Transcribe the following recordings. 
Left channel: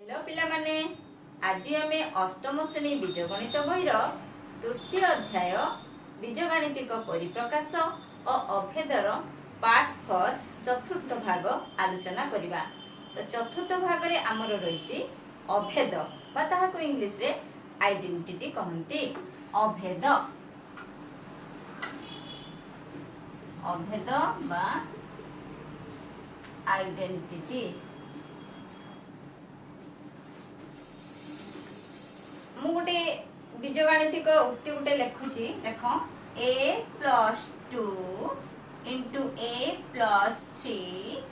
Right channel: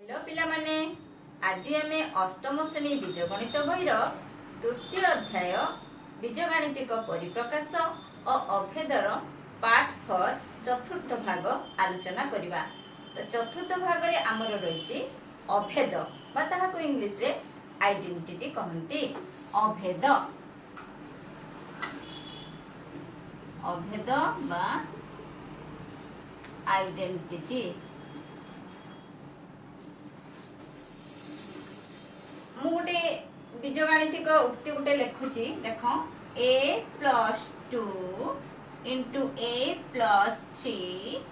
Hello पिला माने आज आम अष्टम श्रेणी बीजगणित बहिर तृतीय अध्याय बीजगाणितिक परिप्रकाश और अभेदर पार्ट 4 चतुर्थ भाग आलोचना करिबा। तो चतुर्थ भाग रे आमर रही अभेद बा ताहाको इंग्लिश रे आइडेंटिटी कहंती। अभेद अभेद बा आइडेंटिटी। मु गोटे बीजगाणितिक उक्ति गोटे लिखुची देख a plus 2 into a plus 3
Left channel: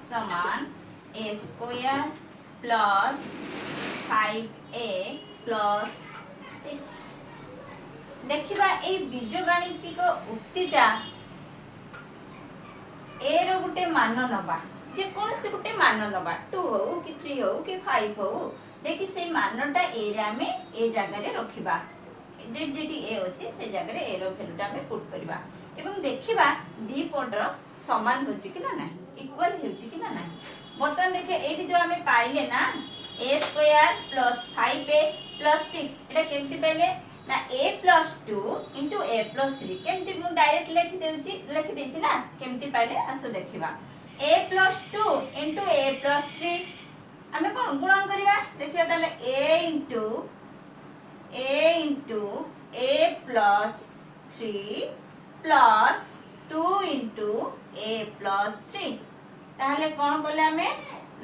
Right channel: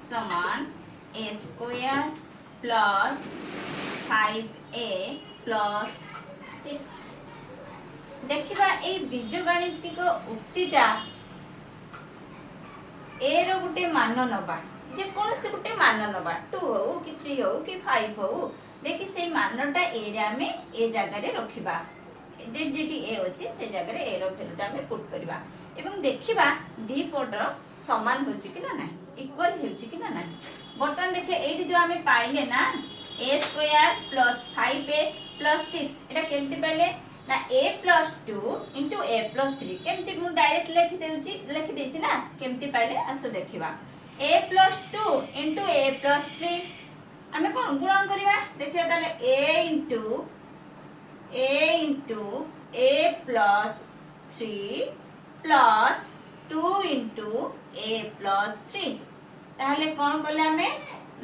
समान a square plus 5a plus 6। देखिबा ए बीजगाणितिक उक्तिटा a रो गोटे मान नबा जे कोन से गोटे मान नबा 2 हो कि 3 हो कि 5 हो देखि से मानटा ए रे आमे ए जगह रे रखिबा जे जेटी ए अछि से जगह रे ए रो वैल्यूटा आमे पुट करबा एवं देखिबा दी पटर समान होछि कि ना नाही इक्वल होछि कि ना नाही। बर्तन देखे एठी जो आमे पाइले ना a square plus 5a plus 6 एटा केमति पाइले ना a plus 2 into a plus 3 केमति मु डायरेक्ट लिखि देछि ना केमति पाइले आसो देखिबा a plus 2 into a plus 3 आमे कोन गुणन करिबा देखिबा ताले a into a plus 3 plus 2 into a plus 3 ताहले कोन करले आमे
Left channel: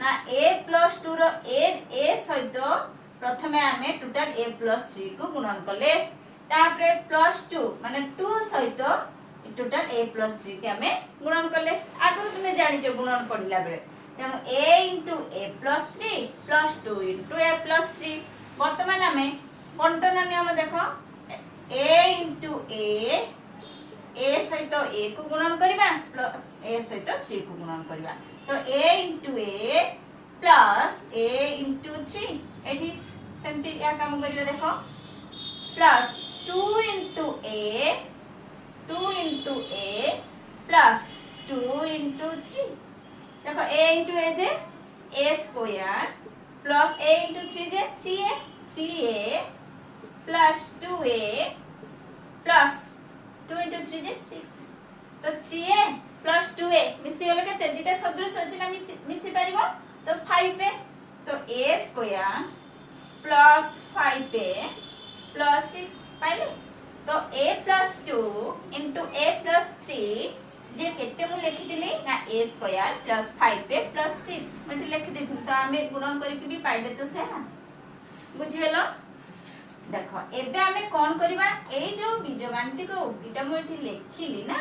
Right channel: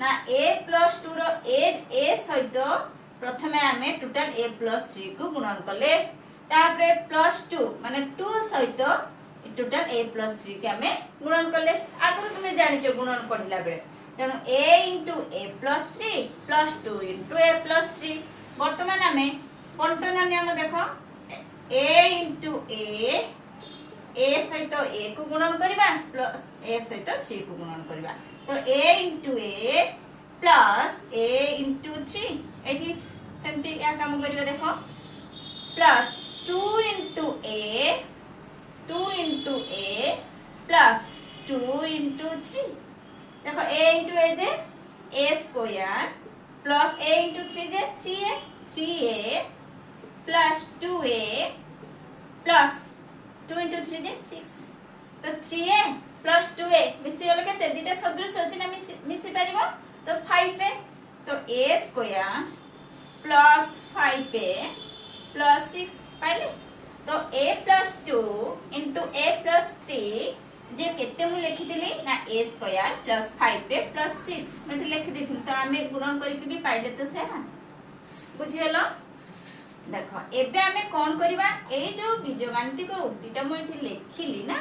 ना a प्लस 2 रो a सहित प्रथमे आमे टोटल a प्लस 3 को गुणन करले तापरे प्लस 2 माने 2 सहित टोटल a प्लस 3 के आमे गुणन करले। आगु तुमे जानि छ गुणन पढिला बेले तेणु a into a plus 3 plus 2 into a plus 3। वर्तमान आमे कंटना नियम देखो a इंटू a सहित a को गुणन करिबा प्लस a सहित 3 को गुणन करिबा तो a into a plus a into 3 एठी सेमति या काम करिबा देखो plus 2 into a plus 2 into 3 देखो a इंटू a जे a square plus a into 3 J 3a plus 2a plus 2 into 3 जे 6 तो 3a प्लस 2a मिसी गले केते दिटा सदृश अछि ना मिसी परिबो तो 5a तो a square plus 5a plus 6 पाइले तो a plus 2 into a plus 3 जे केते मु लिखि दिली ना a square plus 5a plus 6 मते लिखि देथिन तो आमे गुणन करि के भी पाइले तो से ना बुझेलो। देखो एबे आमे कोन करिबा ए जो बीजगाणितिक उक्तिटा मु एठी लिखिली ना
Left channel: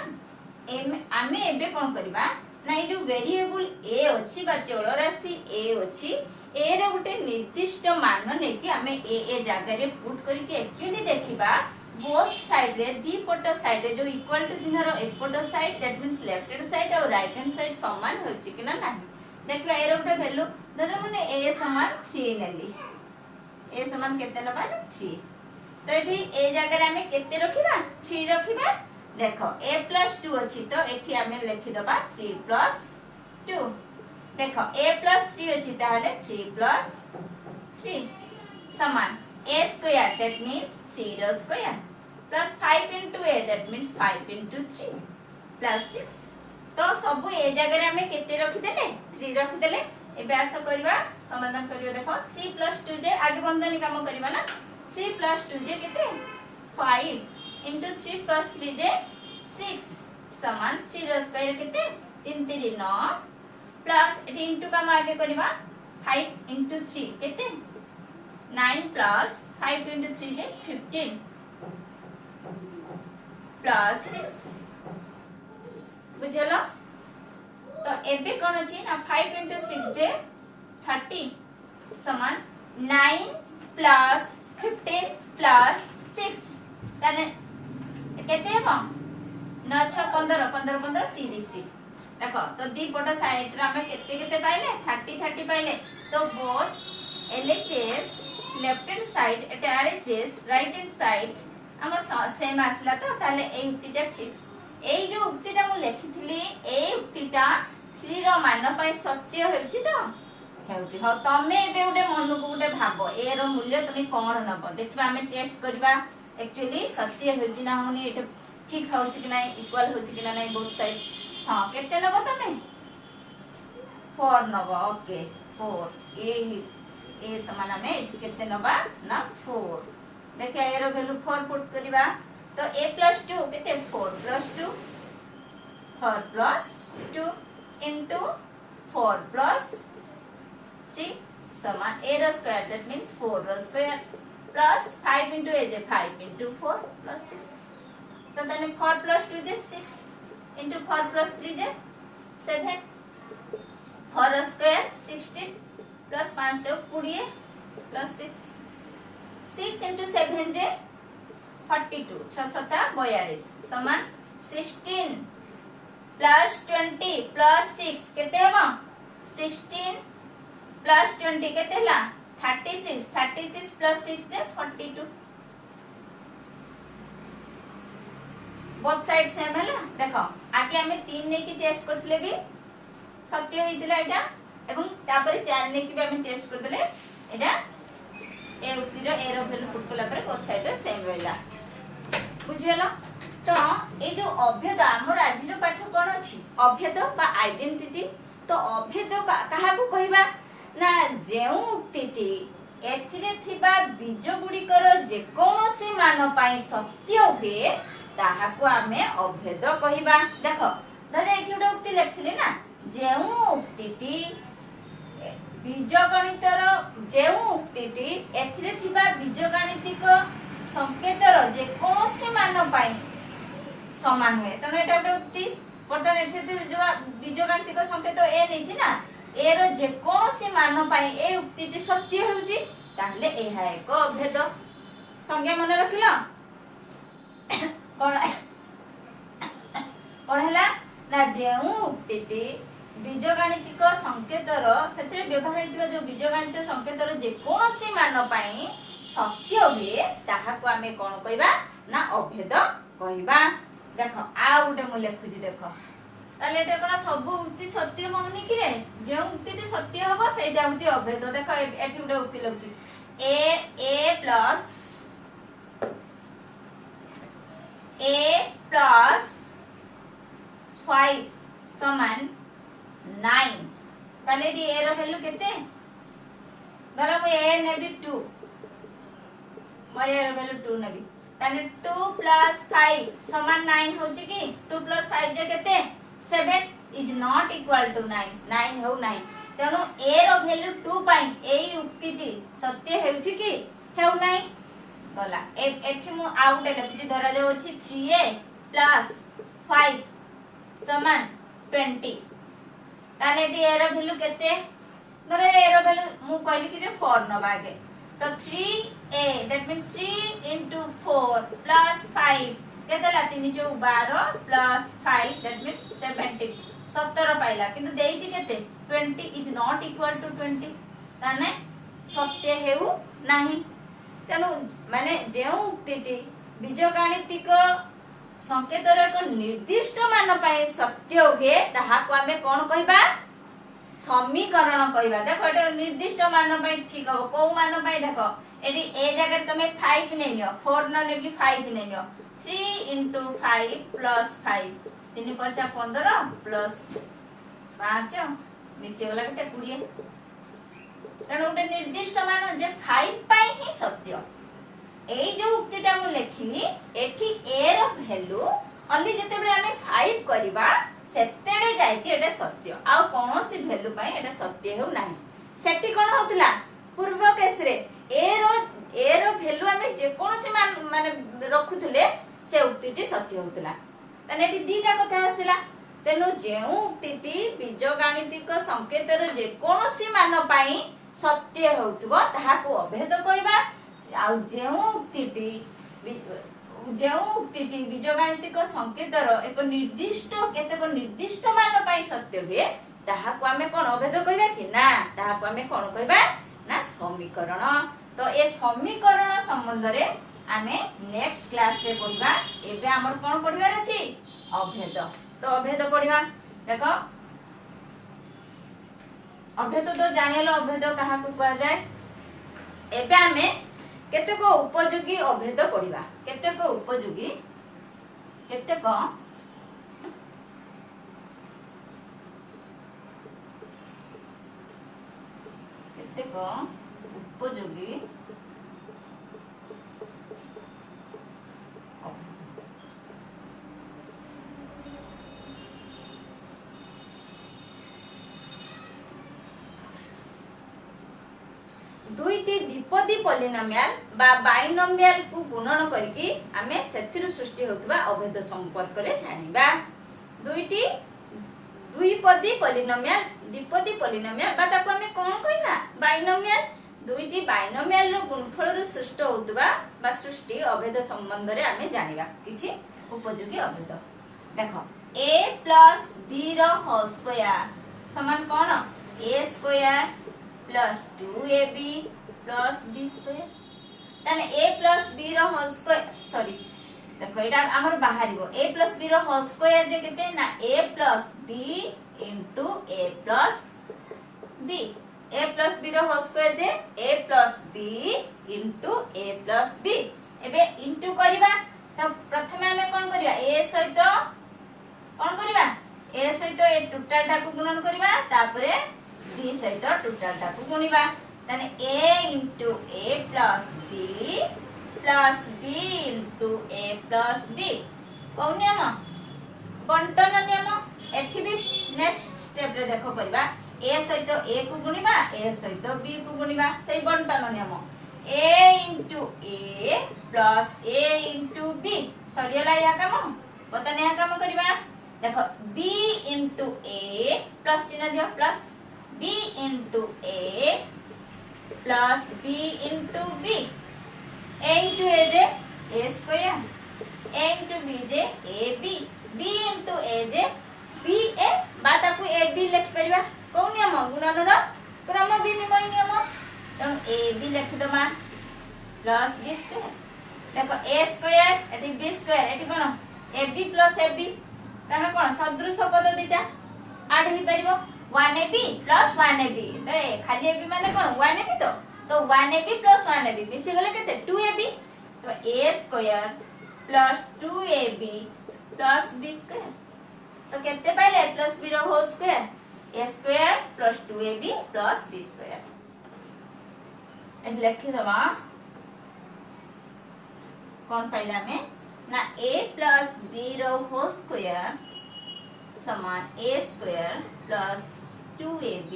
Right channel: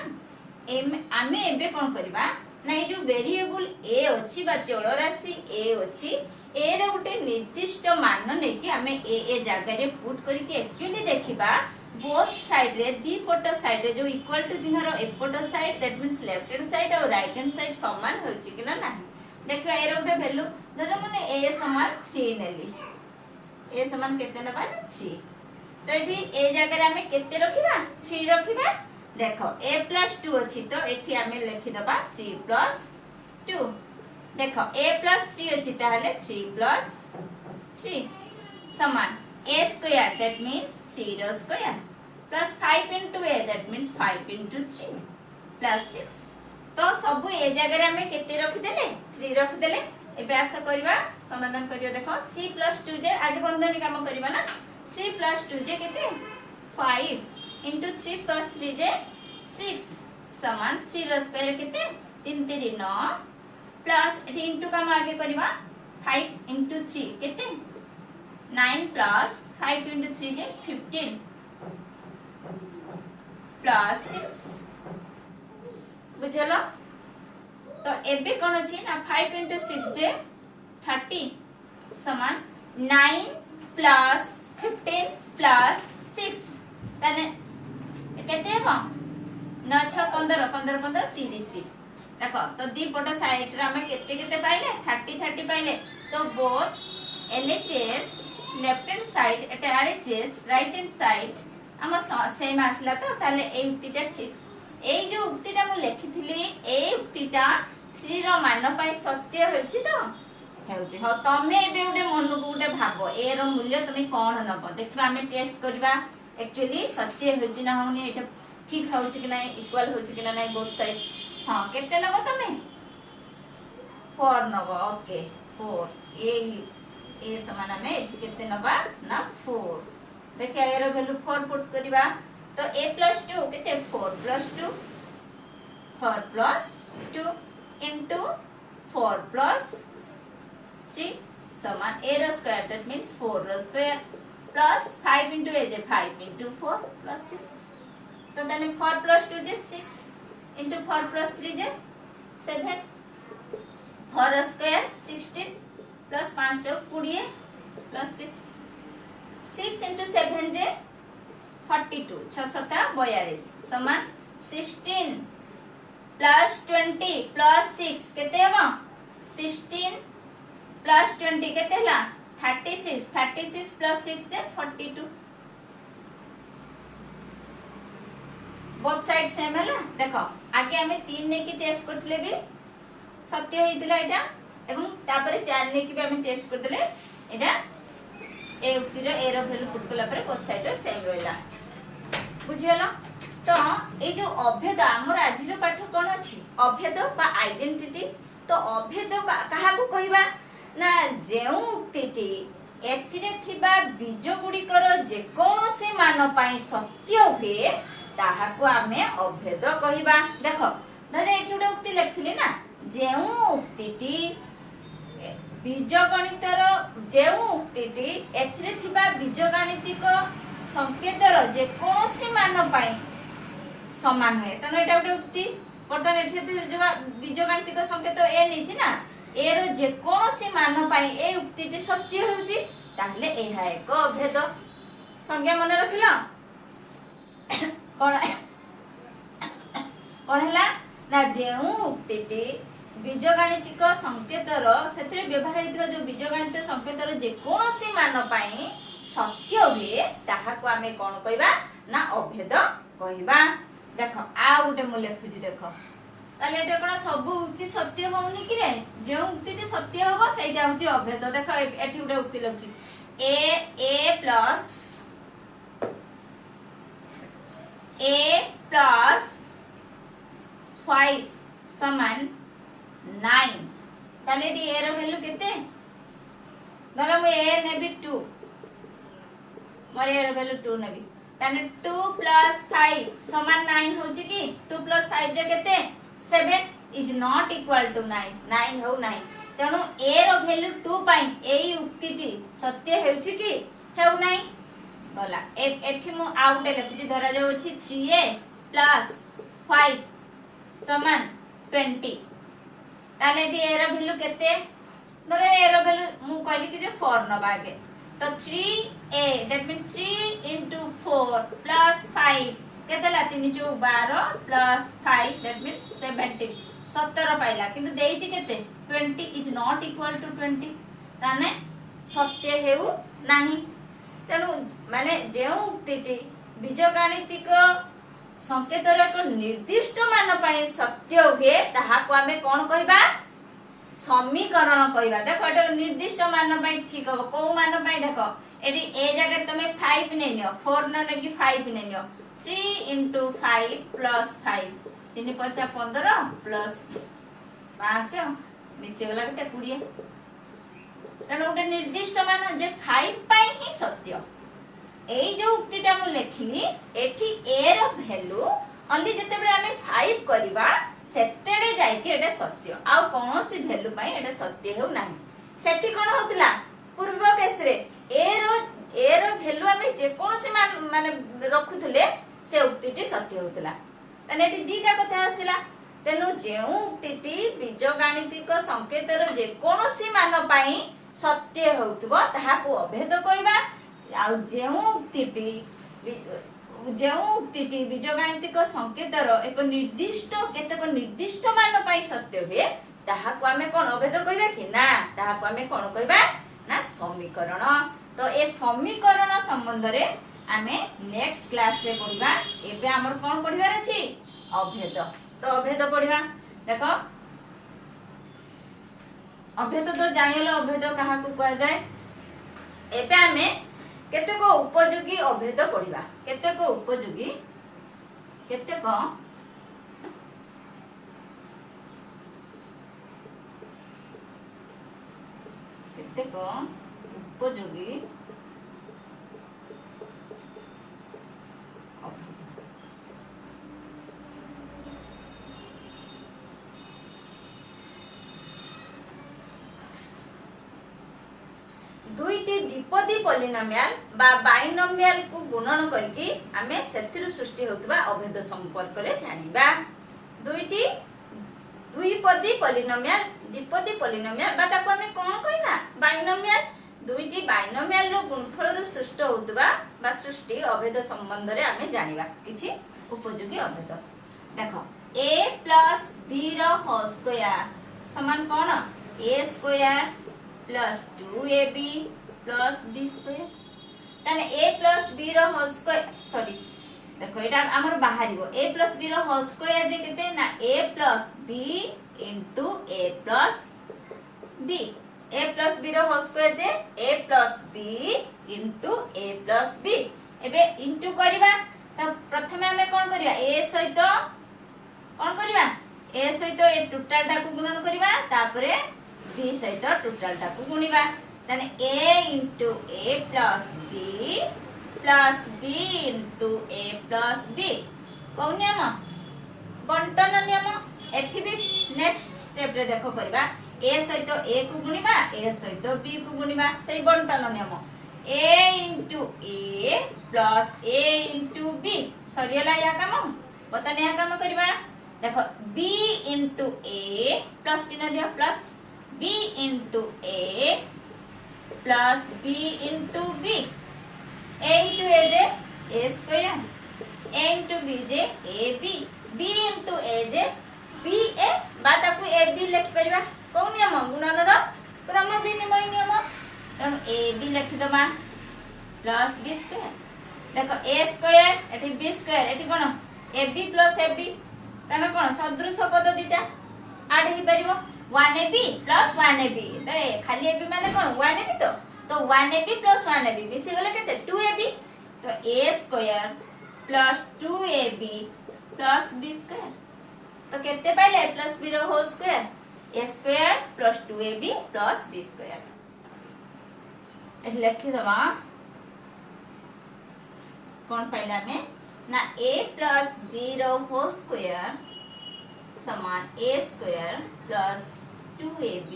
आमे एबे कोन करिबा ना ए जो वेरिएबल a अछि बा जड़ राशि a अछि ए रे गोटे निर्दिष्ट मान नै कि आमे ए जगह रे पुट करि के एक्चुअली देखिबा बोथ साइड रे दी पट साइड रे जो इक्वल टू चिन्ह रो एपट side that means left hand side और राइट हैंड साइड समान होछि कि ना नाही। देखो ए रो गोटे वैल्यू देखो मने a समान 3 नेली a समान केते नबा 3 तो एठी ए जगह रे हमें केते रखिबा 3 रखिबा। देखो a प्लस 2 अछि तो एठी हमें लिखि दबा 3 प्लस 2 देखो a प्लस 3 अछि ताहले 3 प्लस 3 समान a स्क्वायर दैट मींस 3 रो square plus 5 into a that means 5 into 3 plus 6 तो सब ए जगह रे हमें केते रखि देले 3 रखि देले। एबे आशा करबा समाधान करियो देखो 3 plus 2 जे आगे बंधनी काम करबा ना 3 plus 2 जे केते 5 into 3 plus 3 जे 6 समान 3 रो स्क्वायर केते 3 3 9 प्लस एठी इनटू काम आगे करबा 5 into 3 केते 9 plus 5 into 3 जे 15 प्लस 6 बुझेलो। तो एबे कोन अछि ना 5 into 6 जे 30 समान 9 प्लस 15 प्लस 6 ताने केते हो 9 6 15 15 15 30 देखो तो दी पट साइड रे हमें केते केते पाइले 30 30 पाइले तो both LHS left hand side एटा RHS राइट हैंड साइड हमर सेम आसला तो ताले ए उक्तिटा ठीक ए जो उक्तिटा मु लिखिथिली ए उक्तिटा 3 रो मान पई सत्य होछि तो हेउछि ह तमे एबे उडे मन भाव ए रो मूल्य तुम कौन नब देखा आम टेस्ट करवा एक्चुअली सत्य होची ना होनी एटा ठीक होची कि ना इक्वल होची कि ना बोथ साइड हां केते नब तुम 4 नब ओके 4 ए समान आम एठी केते नबा ना 4 देखा ए रो वैल्यू 4 पुट करवा तो a plus 2 केते 4 plus 2 4 plus 2 into 4 plus 3 समान a रो स्क्वायर दैट मींस 4 रो स्क्वायर plus 5 into a जे 5 into 4 plus 6 तो तने 4 plus 2 जे 6 into 4 plus 3 जे 7 4 रो स्क्वायर 16 plus 5 जो 20 plus 6 6 into 7 जे 42 6 42 समान 16 plus 20 plus 6 केते हबो 16 plus 20 केते हला 36 plus 6 जे 42 बोथ साइड सेम हला देखो आगे हमें 3 ने की टेस्ट करथले भी सत्य हेतिला एटा एवं तापर 4 ने की भी हमें टेस्ट करथले एटा ए उक्तिर ए रो वैल्यू पुट कला पर बोथ साइड सेम रहला बुझियला तो ए जो अभेद हमर आजिर पाठ कोन अछि अभेद बा आइडेंटिटी तो अभेद काहा को कहिबा ना जेउ उक्तिटी एथिरे थिबा बीज गुडिकर जे कोनोसी मान पई सत्य हुए ताहा को आमे अभेद कहिबा देखो दादा एठी उडा उक्ति लिखथिले ना जेउ उक्तिटी बीज गणितर जेउ उक्तिटी एथिरे थिबा बीज गणितिक संकेतर जे कोनोसी मान पई समान हुए तनो एटा उडा उक्ति बर्तन एठी जो बीज गणितिक संकेत ए नै छी ना ए रो जे कोनोसी मान पई ए उक्तिटी सत्य होउची ताहले एहा एक अभेद संज्ञा मन रखिला कोन कोन हला ना जेउ उक्तिटी बीजगणितिक संकेतर सेतरे व्यवहार हेतिबा जो बीजगणित संकेतर जे कोनोसी मान पई सत्य हुए ताहा को आमे कोन कहबा ना अभेद कहबा देखो आ उटे मु लिखुजी देखो ताले एटा कोन सब उक्ति सत्य होउनी कि रे जे उक्तिटी सत्य होबो सेटा होची अभेद देखो एठी उटे उक्ति लिखुची a plus 5 समान 9 ताले डी ए रो वैल्यू केते धर मु ए नेबी 2 मोर ए रो वैल्यू 2 नेबी ताने 2 plus 5 समान 9 होची कि 2 plus 5 जे केते 7 is not equal to 9 9 हो 9 तेणु ए रो वैल्यू 2 पाई एई उक्तिटी सत्य हेउची कि हेउ नै गला एठी मु आउटे लिखुची धरा जो अछि 3a plus 5 समान 20 ताले डी ए रो वैल्यू केते धर ए रो वैल्यू मु कहली कि जे 4 नबा के तो 3a that means 3 into 4 plus 5 केतला 3 जो 12 plus 5 दैट मींस 70 17 पाइला किंतु देइची केते 20 इज नॉट इक्वल टू 20 ताने सत्य हेउ नाही तेनु माने जेउ उक्तिटी बीजगणितिक संकेतर एक निर्दिष्ट मान पई सत्य हुए ताहा को हमें कोन कहबा समीकरण कहबा देखो एटा निर्दिष्ट मान पई ठीक हो को मान पई देखो एडी ए जगह तमे 5 नै नियो 4 न नेकी 5 नै नियो 3 into 5 plus 5 3 5 15 plus 5 मिसे गला केते 20 तने उटे निर्दिष्ट मान जे 5 पाई ही सत्य एई जो उक्तिटा मु लेखिली एठी a रो वैल्यू ओनली जते बळे हमें 5 करबा सेतेडे जाय के एटा सत्य आ कोनोसी वैल्यू पाई एटा सत्य हेउ नाही सेठी कोन होतला पूर्व केस रे a रो वैल्यू हमें जे कोनोसी मान माने रखुथले से उक्तिटी सत्य होतला तने एठी दीटा कथा आसिला तेनु जेउ उक्तिटी बीजगणितिक संकेतर जे कोनोसी मान पाई सत्य होतबो ताहा को अभेद कहबा आ जेउ उक्तिटी बीजगणितिक संकेतर एक निर्दिष्ट केतेक निर्दिष्ट मान पाई सत्य हुए ताहा को हमें कोन अभेद कहबा कि ना ताहा को हमें कोन कहबा ना समीकरण तो ए समीकरण संबंध रे आमे नेक्स्ट क्लास रे पढिबा एबे हमर कोन पढिबार अछि अभेद तो अभेद पढिबा देखो अभेद तो जानिलो अभेद कहा को कहा जाए एबे आमे केतेक उपयोगी अभेद पढ़िबा केतेक उपयोगी केतेक केतेक उपयोगी दुईटी द्विपदी पॉलिनोमियल बा बाइनोमियल को गुणन करके आमे सेथिरु सृष्टि होतबा अभेद संपर्क रे जानिबा दुईटी द्विपदी पॉलिनोमियल द्विपदी पॉलिनोमियल बा ताको आमे कोन कहिबा बाइनोमियल दुईटी बाइनोमियल रो गुणफल रो सृष्टि होतबा बा सृष्टि अभेद संबंध रे आमे जानिबा किछि उपयोगी अभेद देखो a plus b रो होल स्क्वायर समान कोन a square plus 2ab plus b square ताने a प्लस b रो होल स्क्वायर सॉरी देखो एटा हमर बाहरिबो a प्लस b रो होल स्क्वायर जे केते ना a plus b into a plus b a plus b रो होल स्क्वायर जे a plus b into a plus b एबे इनटू करबा त प्रथमे हमें कोन करिया a सहित कोन करबा a सहित ए टोटल टा को गुणन करबा तापरे b सहित टोटल टा को गुणिबा तने a into a plus b plus b into a plus b कोन नियम बंटन नियम एठी भी नेक्स्ट स्टेप रे देखो करबा a सहित a को गुणिबा a सहित b को गुणिबा सही बंटन नियम a into a plus a into b सरियला या काम बतने या काम करबा देखो b into a प्लस चिन्ह दिया plus b into a plus b into b a into a जे a square a into b J ab b into a जे b a बाता को a b लिख परिबा कोन नियम गुणन रो क्रम विनिमय नियम तन a b लिख दमा प्लस b स्क्वायर देखो a स्क्वायर एठी b स्क्वायर एठी कोन ab प्लस ab तने कोन सदृश पद दिटा आड ही परिबो 1ab plus 1ab तो खाली ab माने कोन 1ab तो 1ab plus 1ab मिसी गले केते 2ab तो a square plus 2ab plus b square तो केते पाइले plus b रो whole square a square plus 2ab plus b square ए लिखि दबा कोन पाइला में ना a plus b रो होल स्क्वायर समान a square plus 2ab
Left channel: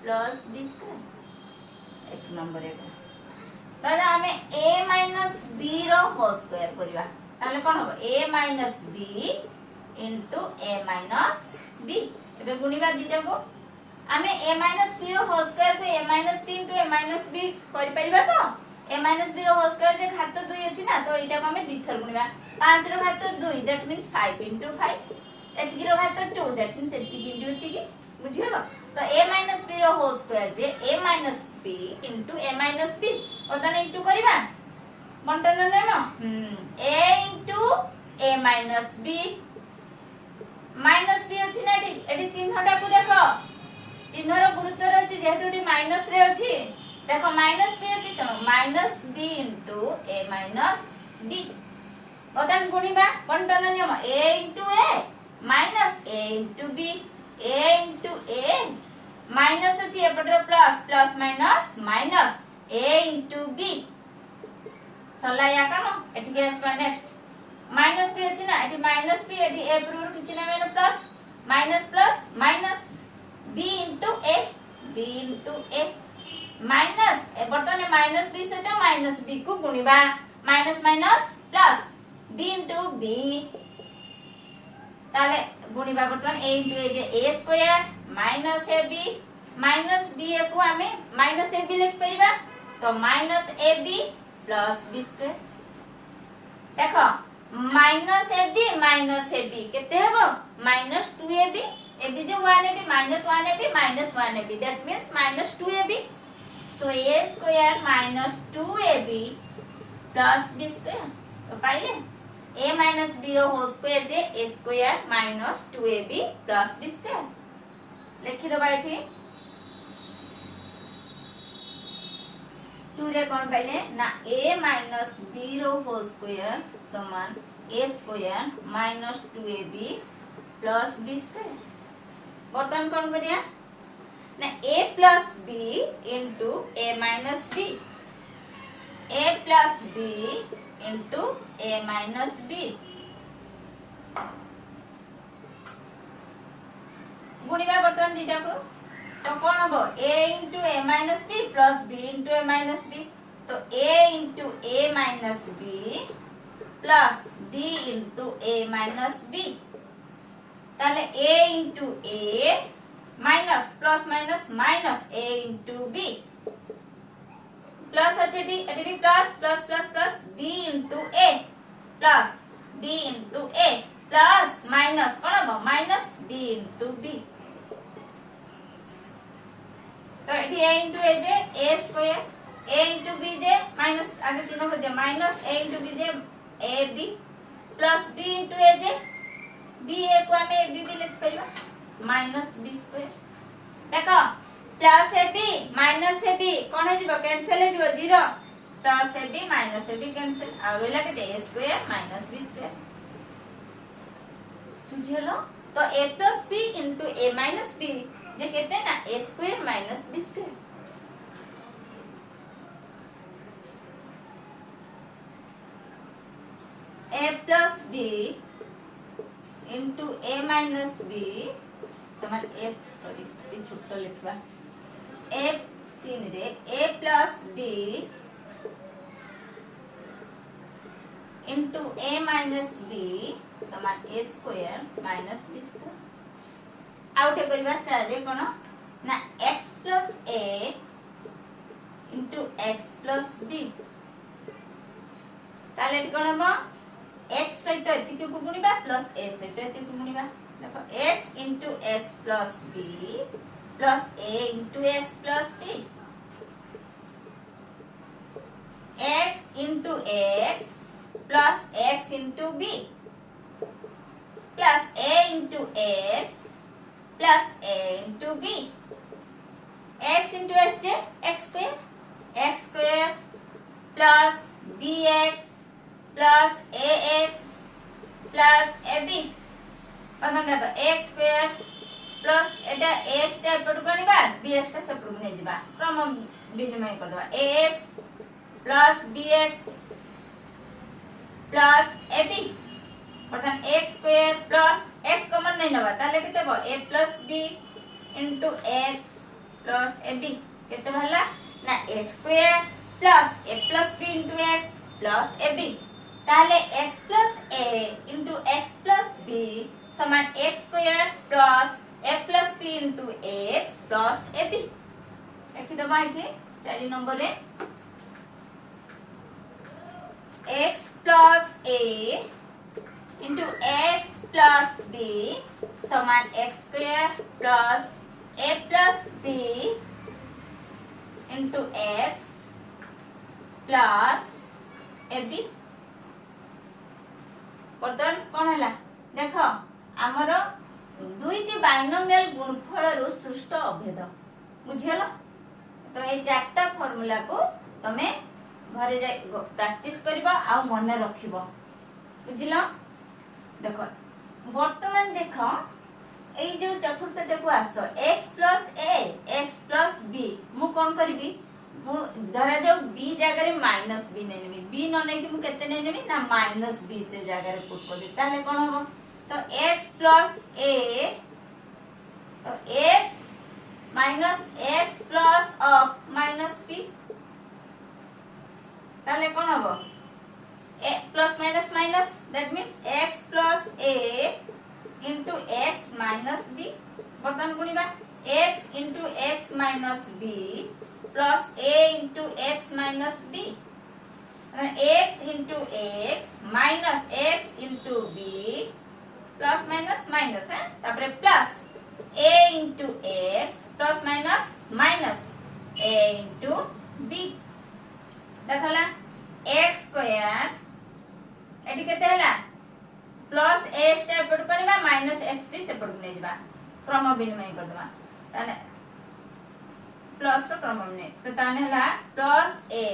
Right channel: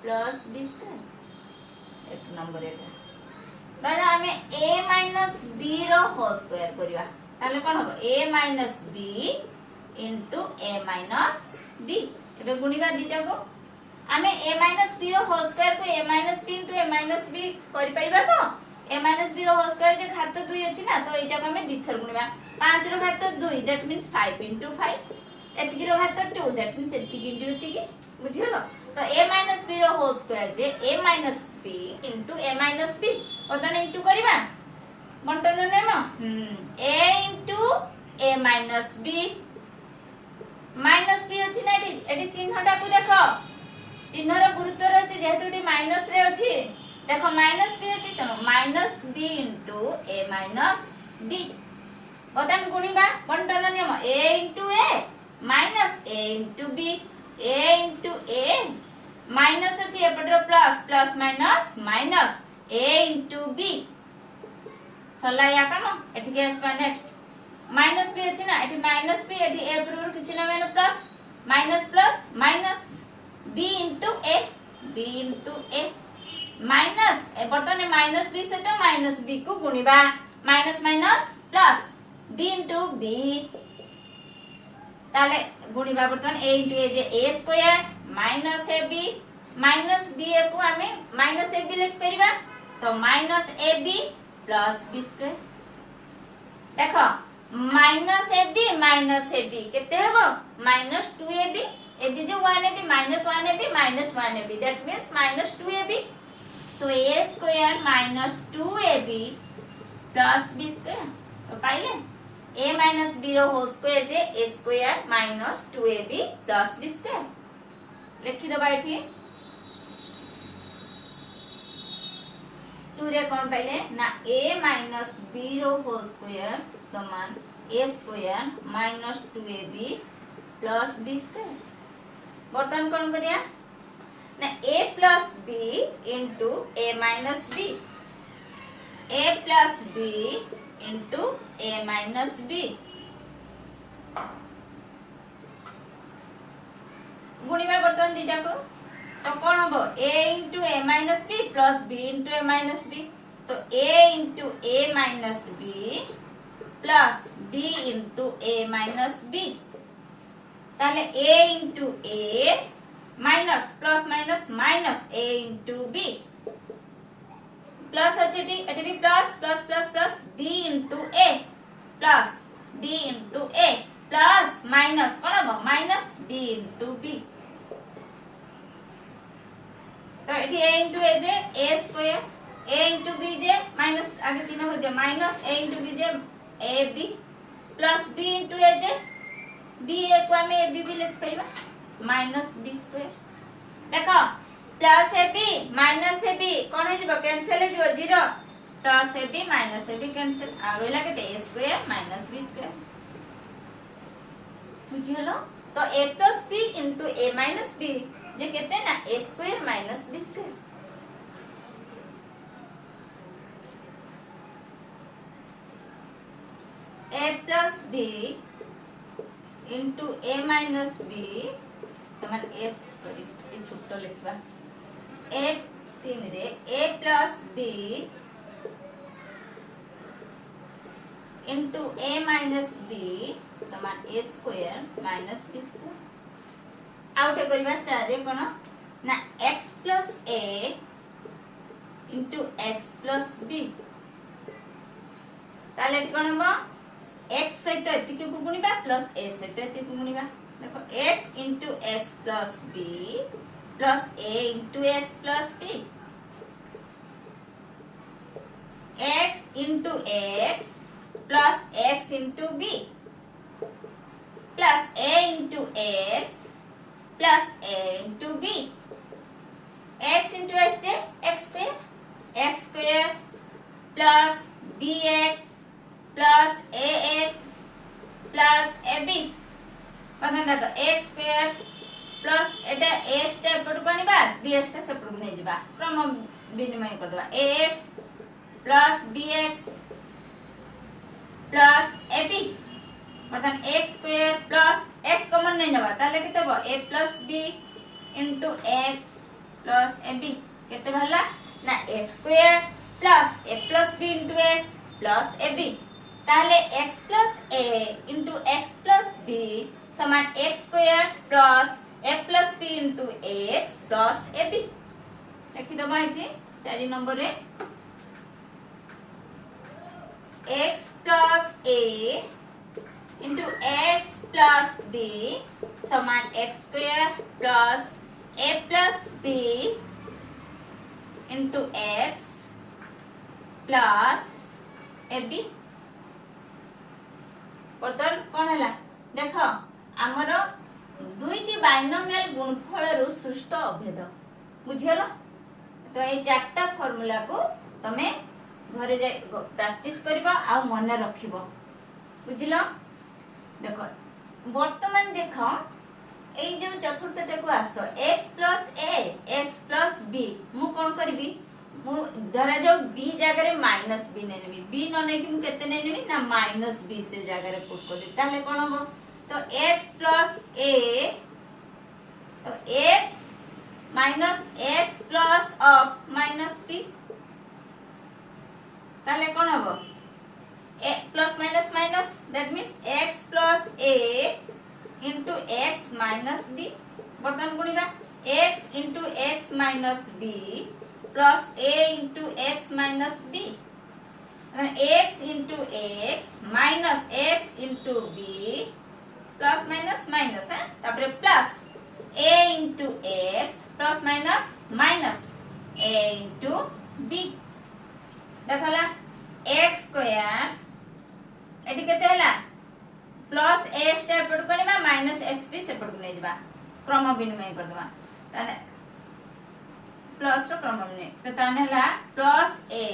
plus b square एक नंबर एटा तारे हमें a माइनस b रो होल स्क्वायर करिवा ताले कोन हो a minus b into a minus b एबे गुणिबा दिटा को हमें a माइनस b रो होल स्क्वायर को a minus b into a minus b करि परिबा तो a माइनस b रो होल स्क्वायर जे घात 2 अछि ना तो एटा को हमें दिथर गुणिबा 5 रो घात 2 दैट मींस 5 इनटू 5 एतिकी रो घात 2 दैट मींस एतिकी इनटू एतिकी बुझियो तो a माइनस b रो होल स्क्वायर जे a minus b into a minus b ओतने इनटू करबा बंटन नेम a into a minus b minus b अछि ना एटी चिन्हटा को देखो चिन्ह रो गुरुत्व रे अछि जेहेतु एटी माइनस रे अछि देखो माइनस b अछि त minus b into a minus b ओतन गुणिबा बंटन नियम a into a minus a into b a into a minus अछि एपटर plus plus minus minus a into b सला या काम एठी के आसबा नेक्स्ट माइनस b अछि ना एठी माइनस b एठी a पर किछि ना मेन plus minus b into a minus ए बटने माइनस b से तो माइनस b को गुणिबा minus minus plus b into b ताले गुणिबा बर्तमान a into a जे a square minus ab minus b को हमें माइनस ab लिख परिबा तो minus ab plus b square देखो माइनस ab केते हेबो माइनस 2ab ab जे 1ab minus 1ab that means minus 2ab so a square minus 2ab plus b square तो पाइले a माइनस b रो होल स्क्वायर जे a square minus 2ab plus b square लिखि दबा एठी रे कौन पाइले ना a माइनस b रो होल स्क्वायर समान a square minus 2ab plus b square. बर्तमान कौन करिया ना a plus b into a minus b, a plus b into a minus b गुणिबा बर्तमान दीटा को तो कौन हम a into a minus b plus b into a minus b तो a into a minus b plus b into a minus b ताले a into a minus plus minus minus a into b plus अच्छे eighty भी plus plus plus plus b into a plus b into a plus minus कौन हम minus b into b तो ये a into a जे a square a into b J minus आगे चिन्ह हो जाए माइनस a इंटू b जे a b plus b into a जे b a को हमें a b भी लिख पाइबा माइनस b स्क्वायर देखो plus a b minus a b कौन है जो कैंसिल है जो zero plus a b minus a b cancel आ गइला के a square minus b square बुझियलो तो a plus b into a minus b जे कहते हैं ना a square minus b square. a plus b into a minus b समान a सॉरी ये छोटा लिखवा a तीन रे a plus b into a minus b समान a square minus b square. आउटे करिबा चाहे कोन ना x plus a into x plus b ताले कोन हबो x सहित एतिके को गुणिबा प्लस a सहित एतिके को गुणिबा देखो x into x plus b plus a into x plus b x into x plus x into b plus a into x plus a into b x into x J x square plus bx plus ax plus ab पता देखो x square plus iota x टा एपट कोनिबा bx टा सेपट नै जिबा क्रम विनिमय कर देबा ax plus bx plus ab बर्तन x square plus x common नहीं नबा ताले केते हो a plus b into x plus ab केते भला ना x square plus a plus b into x plus ab ताले x plus a into x plus b समान x square plus a plus b into x plus ab लिखि दबा एठी 4 number रे x plus a into x plus b समान x square plus a plus b into x plus ab बर्तमान कौन है देख आमर दुईटी बाइनोमियल गुणफल रु सृष्ट अभेद बुझेल तो ये चारटा फॉर्मूला को तमे घरे जाय प्रैक्टिस करबा आ मन रखिबो बुझिल देखो वर्तमान देख এই যে চতুর্থটাକୁ আস x plus a x plus b মু কোন করিবি মু ধরা যাও b জায়গায় মাইনাস b নেই নেবি b ন নেই কি মু কেতে নেই নেবি না মাইনাস b সে জায়গায় পুট করে দেব তাহলে কোন হবে তো x plus a তো x minus x plus of minus b তাহলে কোন হবে a plus minus minus that means x plus a into x minus b बर्तमान गुणिबा x into x minus b plus a into x minus b x into x minus x into b plus minus minus है तापरे plus a into x plus minus minus a into b देखला x square eighty केते हला plus x टा एपट करबा minus x भी सेपट नै जबा क्रम विनिमय कर दबा ताने प्लस रो क्रम नहीं तो ताने ला plus a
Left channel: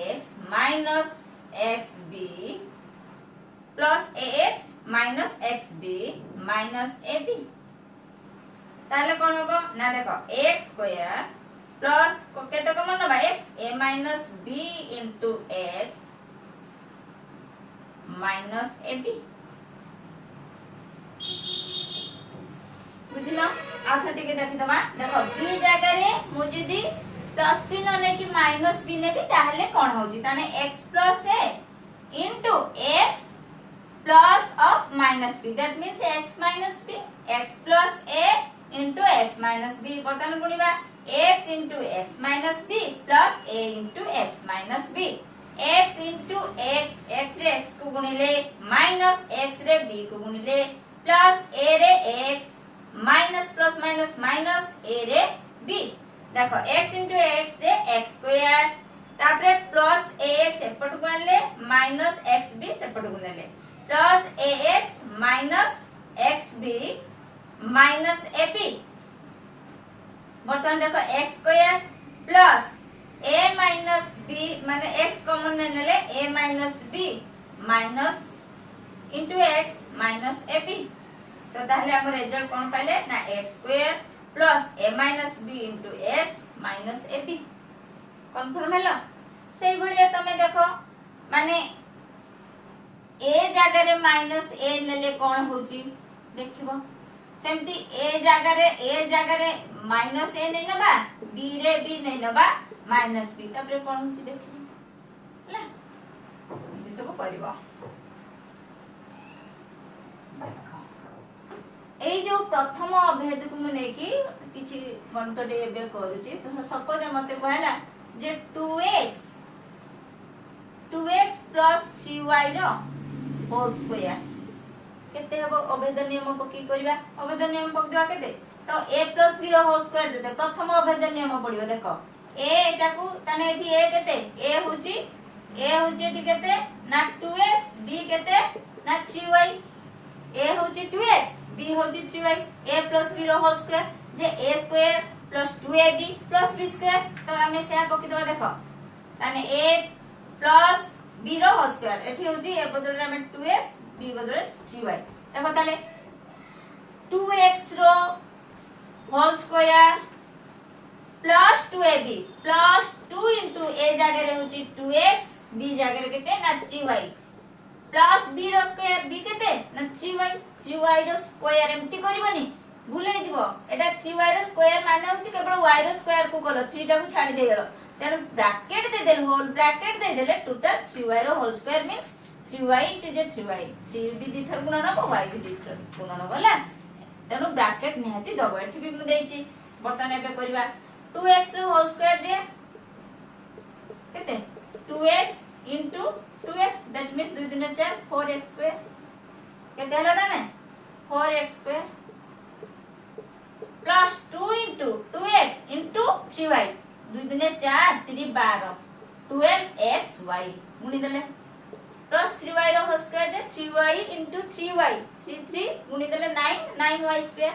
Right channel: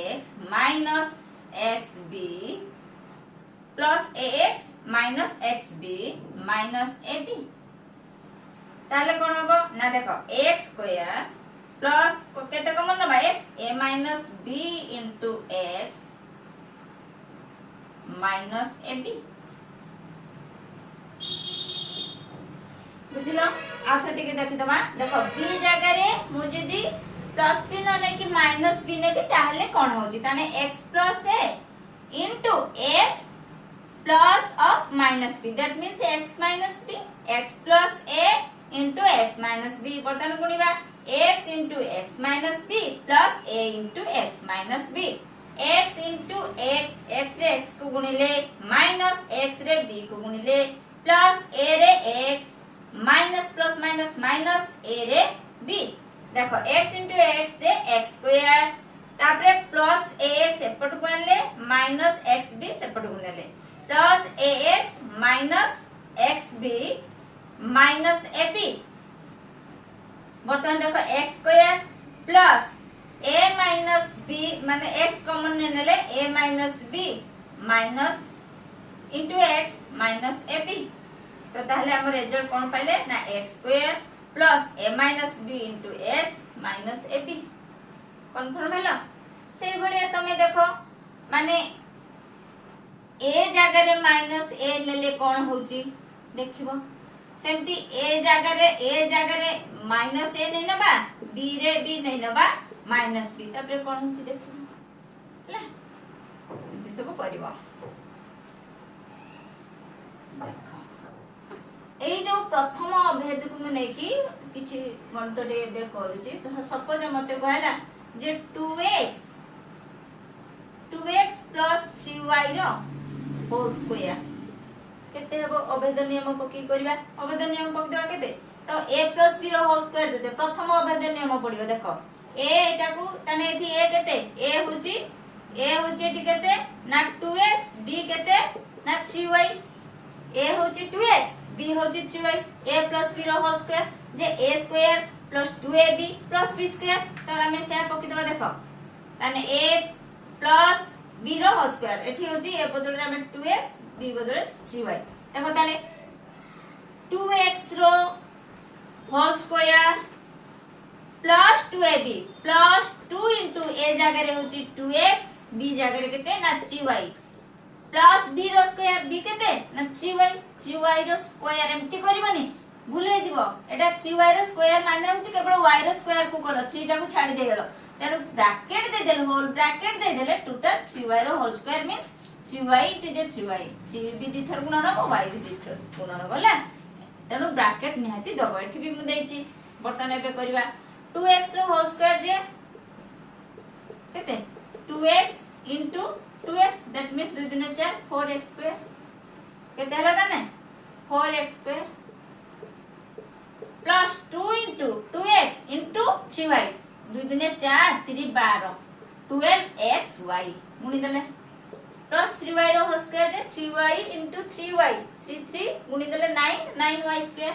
x minus x b plus a x minus x b minus A b ताले कोन हो ना देखो एक्स स्क्वायर प्लस केते कमन नबा X A minus B into X minus A B बुझलो आथर टिके देखि दमा देखो बी जगह रे मु जदी प्लस बी न ले कि माइनस बी ने भी ताहले कोन होजी ताने x plus a into x plus of minus b that means x minus b x plus a into x minus b बर्तन गुणीबा x into x minus b plus a into x minus b x into x रे x को गुणिले minus x रे b को गुणिले plus a रे x minus plus minus minus a रे b देखो x इंटू x से x स्क्वायर तापरे प्लस ax सेपट को आनले माइनस xb सेपट को नेले plus ax minus xb minus ab बर्तमान देखो x square plus a minus b माने x कॉमन नेले a minus b minus into x minus ab तो ताहले हम रिजल्ट कोन पाइले ना x square plus a minus b into x minus ab confirm हैला सेई भलिया तमे देखो माने a जगह रे माइनस a लेले कोन होची देखिबो सेमती a जगह रे माइनस a नै नबा b रे b नै नबा माइनस b तबरे कोन होची देखिबो ला इति सब करबो एई जो प्रथम अभेद को मु नेकी किछि गणितडे एबे करूची तो सपोज मते कहला जे 2x 3y रो होल स्क्वायर केते हबो अभेद नियम पकी करबा अभेद नियम पक देबा केते तो a + b रो होल स्क्वायर देते प्रथम अभेद नियम पडिबो देखो a एटा को तने एठी a केते a होची एठी केते ना 2x b केते ना 3y a होची 2x b होची 3y a + b रो होल स्क्वायर जे a square plus 2ab plus b square तो हमें से पकी देबा देखो ताने a प्लस b रो होल स्क्वायर एठी होची a बदले हमें 2x b बदले 3y देखो ताले 2x रो whole square plus 2ab plus 2 into a जगह रे होची 2x b जगह रे केते ना 3y प्लस b रो स्क्वायर b केते ना 3y रो स्क्वायर एम्ति करबनी भूले जीवो एटा 3y रो स्क्वायर माने होची केवल y रो स्क्वायर को कलो 3 टा को छाडी दे गेलो तेन ब्रैकेट दे देल होल ब्रैकेट दे देले टोटल 3y रो whole square means 3y two जे 3y 3 भी दी थर गुणन हो y भी दी थर गुणन होला तेनु ब्रैकेट निहाती दबो एठी भी मु देइची बटन एबे करबा 2x रो होल स्क्वायर जे केते 2x into 2x that means 2 दुने 4 4x स्क्वायर केते हला ना 4x square plus 2 into 2x into 3y 2 दुने 4 3 12 12xy गुणी देले प्लस 3y रो होल स्क्वायर जे 3y इनटू 3y 3 3 गुणी देले 9 9y स्क्वायर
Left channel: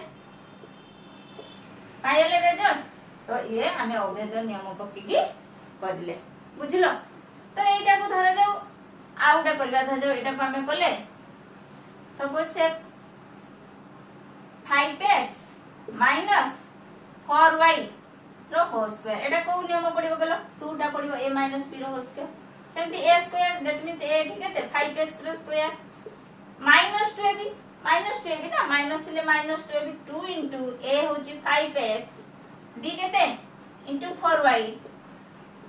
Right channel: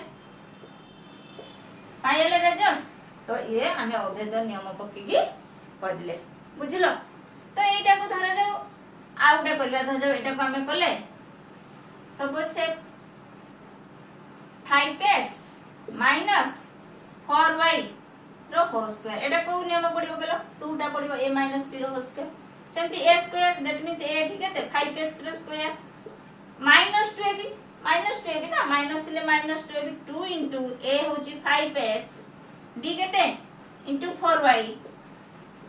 पाइले रिजल्ट तो ये हमें अभेद नियम पक्की करले बुझलो तो एटा को धर जाओ आउटा करबा धर जाओ एटा को हमें करले सपोज से 5x माइनस 4y रो होल स्क्वायर एटा को नियम पडिबो गलो 2 टा पडिबो a माइनस b रो होल स्क्वायर सेमती a square that means a ठीक है 5x रो स्क्वायर माइनस 2ab ना माइनस थिले माइनस 2ab 2 इनटू a होची 5x b केते इनटू 4y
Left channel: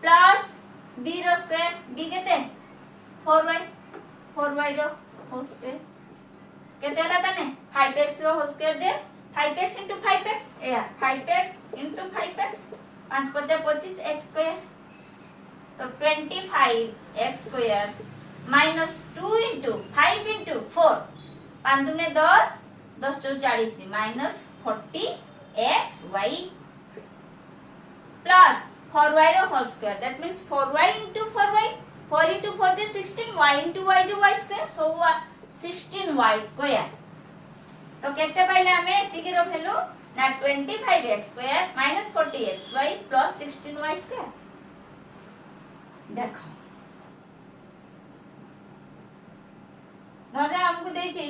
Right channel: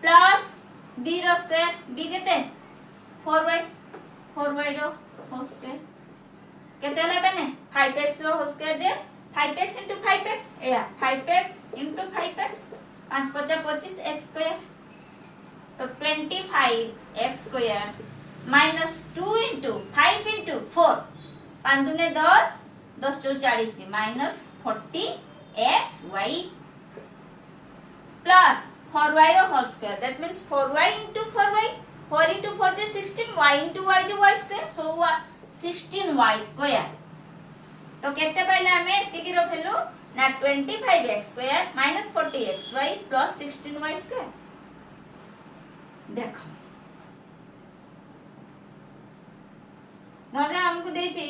प्लस b रो स्क्वायर b केते 4y रो होल स्क्वायर केते हला तने 5x रो होल स्क्वायर जे 5x into 5x या 5x into 5x 5 5 25 x square तो 25x square minus 2 into 5 into 4 5 दुने 10 10 चौ 40 माइनस 40xy प्लस 4y रो whole square that means 4y into 4y 4 into 4 is 16 y into y is y square so 16y square तो केते पाइले हमें एतिकी रो value ना 25x square minus 40xy plus 16y square. देखो धरे हमको देछि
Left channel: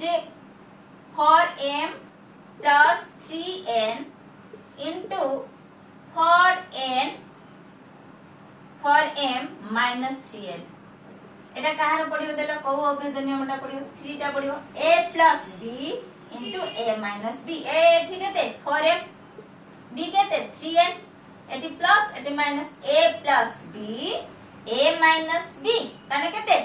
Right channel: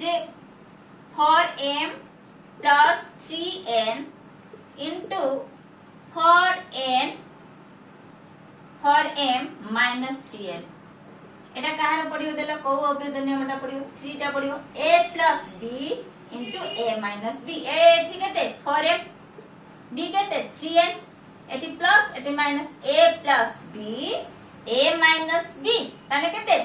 जे four m plus 3n into four m minus 3n एटा कहार पड़ियो देला को अभेद नियमटा पड़ियो 3 टा पड़ियो a plus b into a minus b ए ठीक है फॉर m b केते 3n eighty plus eighty minus a plus b a minus b ताने केते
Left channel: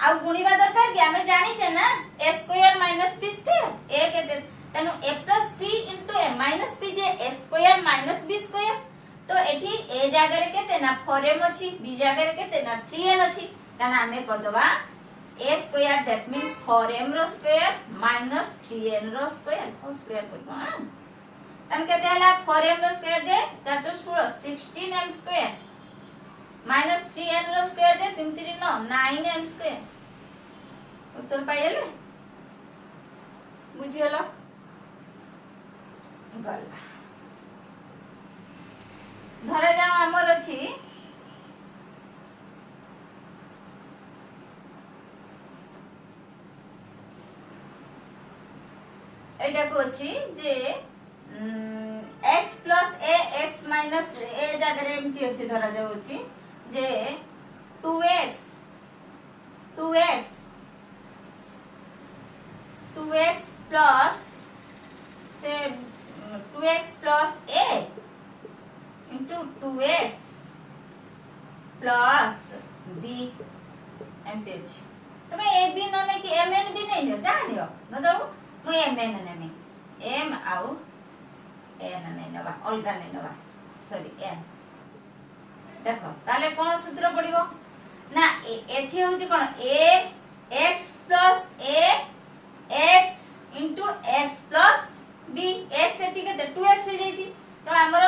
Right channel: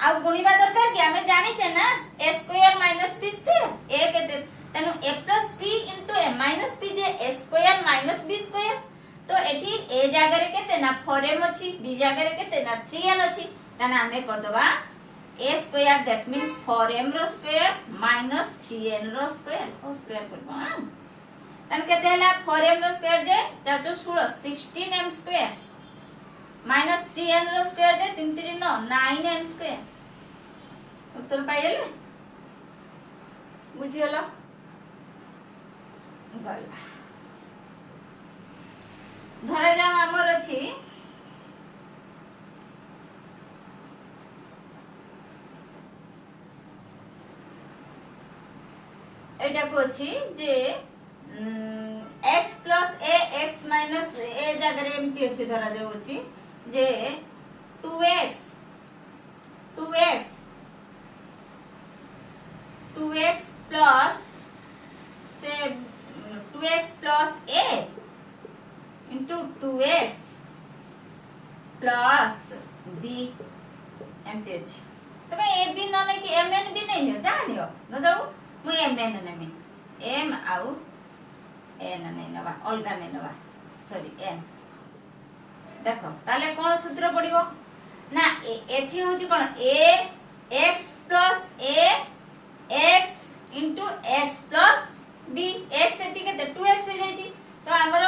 आ गुणीबा दरकार कि हमें जानि छे ना a square minus b square a केते तनु a plus b into a minus b जे a square minus b square तो एठी a जागा रे केते ना 4m अछि b जागा रे केते ना 3n अछि ताना हमें कर दबा a square that means 4m रो स्क्वायर माइनस 3n रो स्क्वायर हो स्क्वायर करबा तन केते हला 4m रो स्क्वायर जे 4 16m स्क्वायर माइनस 3n रो स्क्वायर जे 3 3 9 9n स्क्वायर उत्तर पाइले बुझियला गला धरा जा हमर अछि एटा को अछि जे x plus a x minus a जगह रे एमती अछि धरा जाउ अछि जे 2x प्लस से 2x plus a into 2x plus b एमती अछि तबे a b न नै कि mn भी नै लियो जा लियो दादा मु mn नेमी m आउ n नै नबा अलगा नै नबा सॉरी n देखो ताले कोन सूत्र पडिबो ना एथि होची कोन a x plus a x into x plus b x एथि केते 2x हे जाईची तो हमर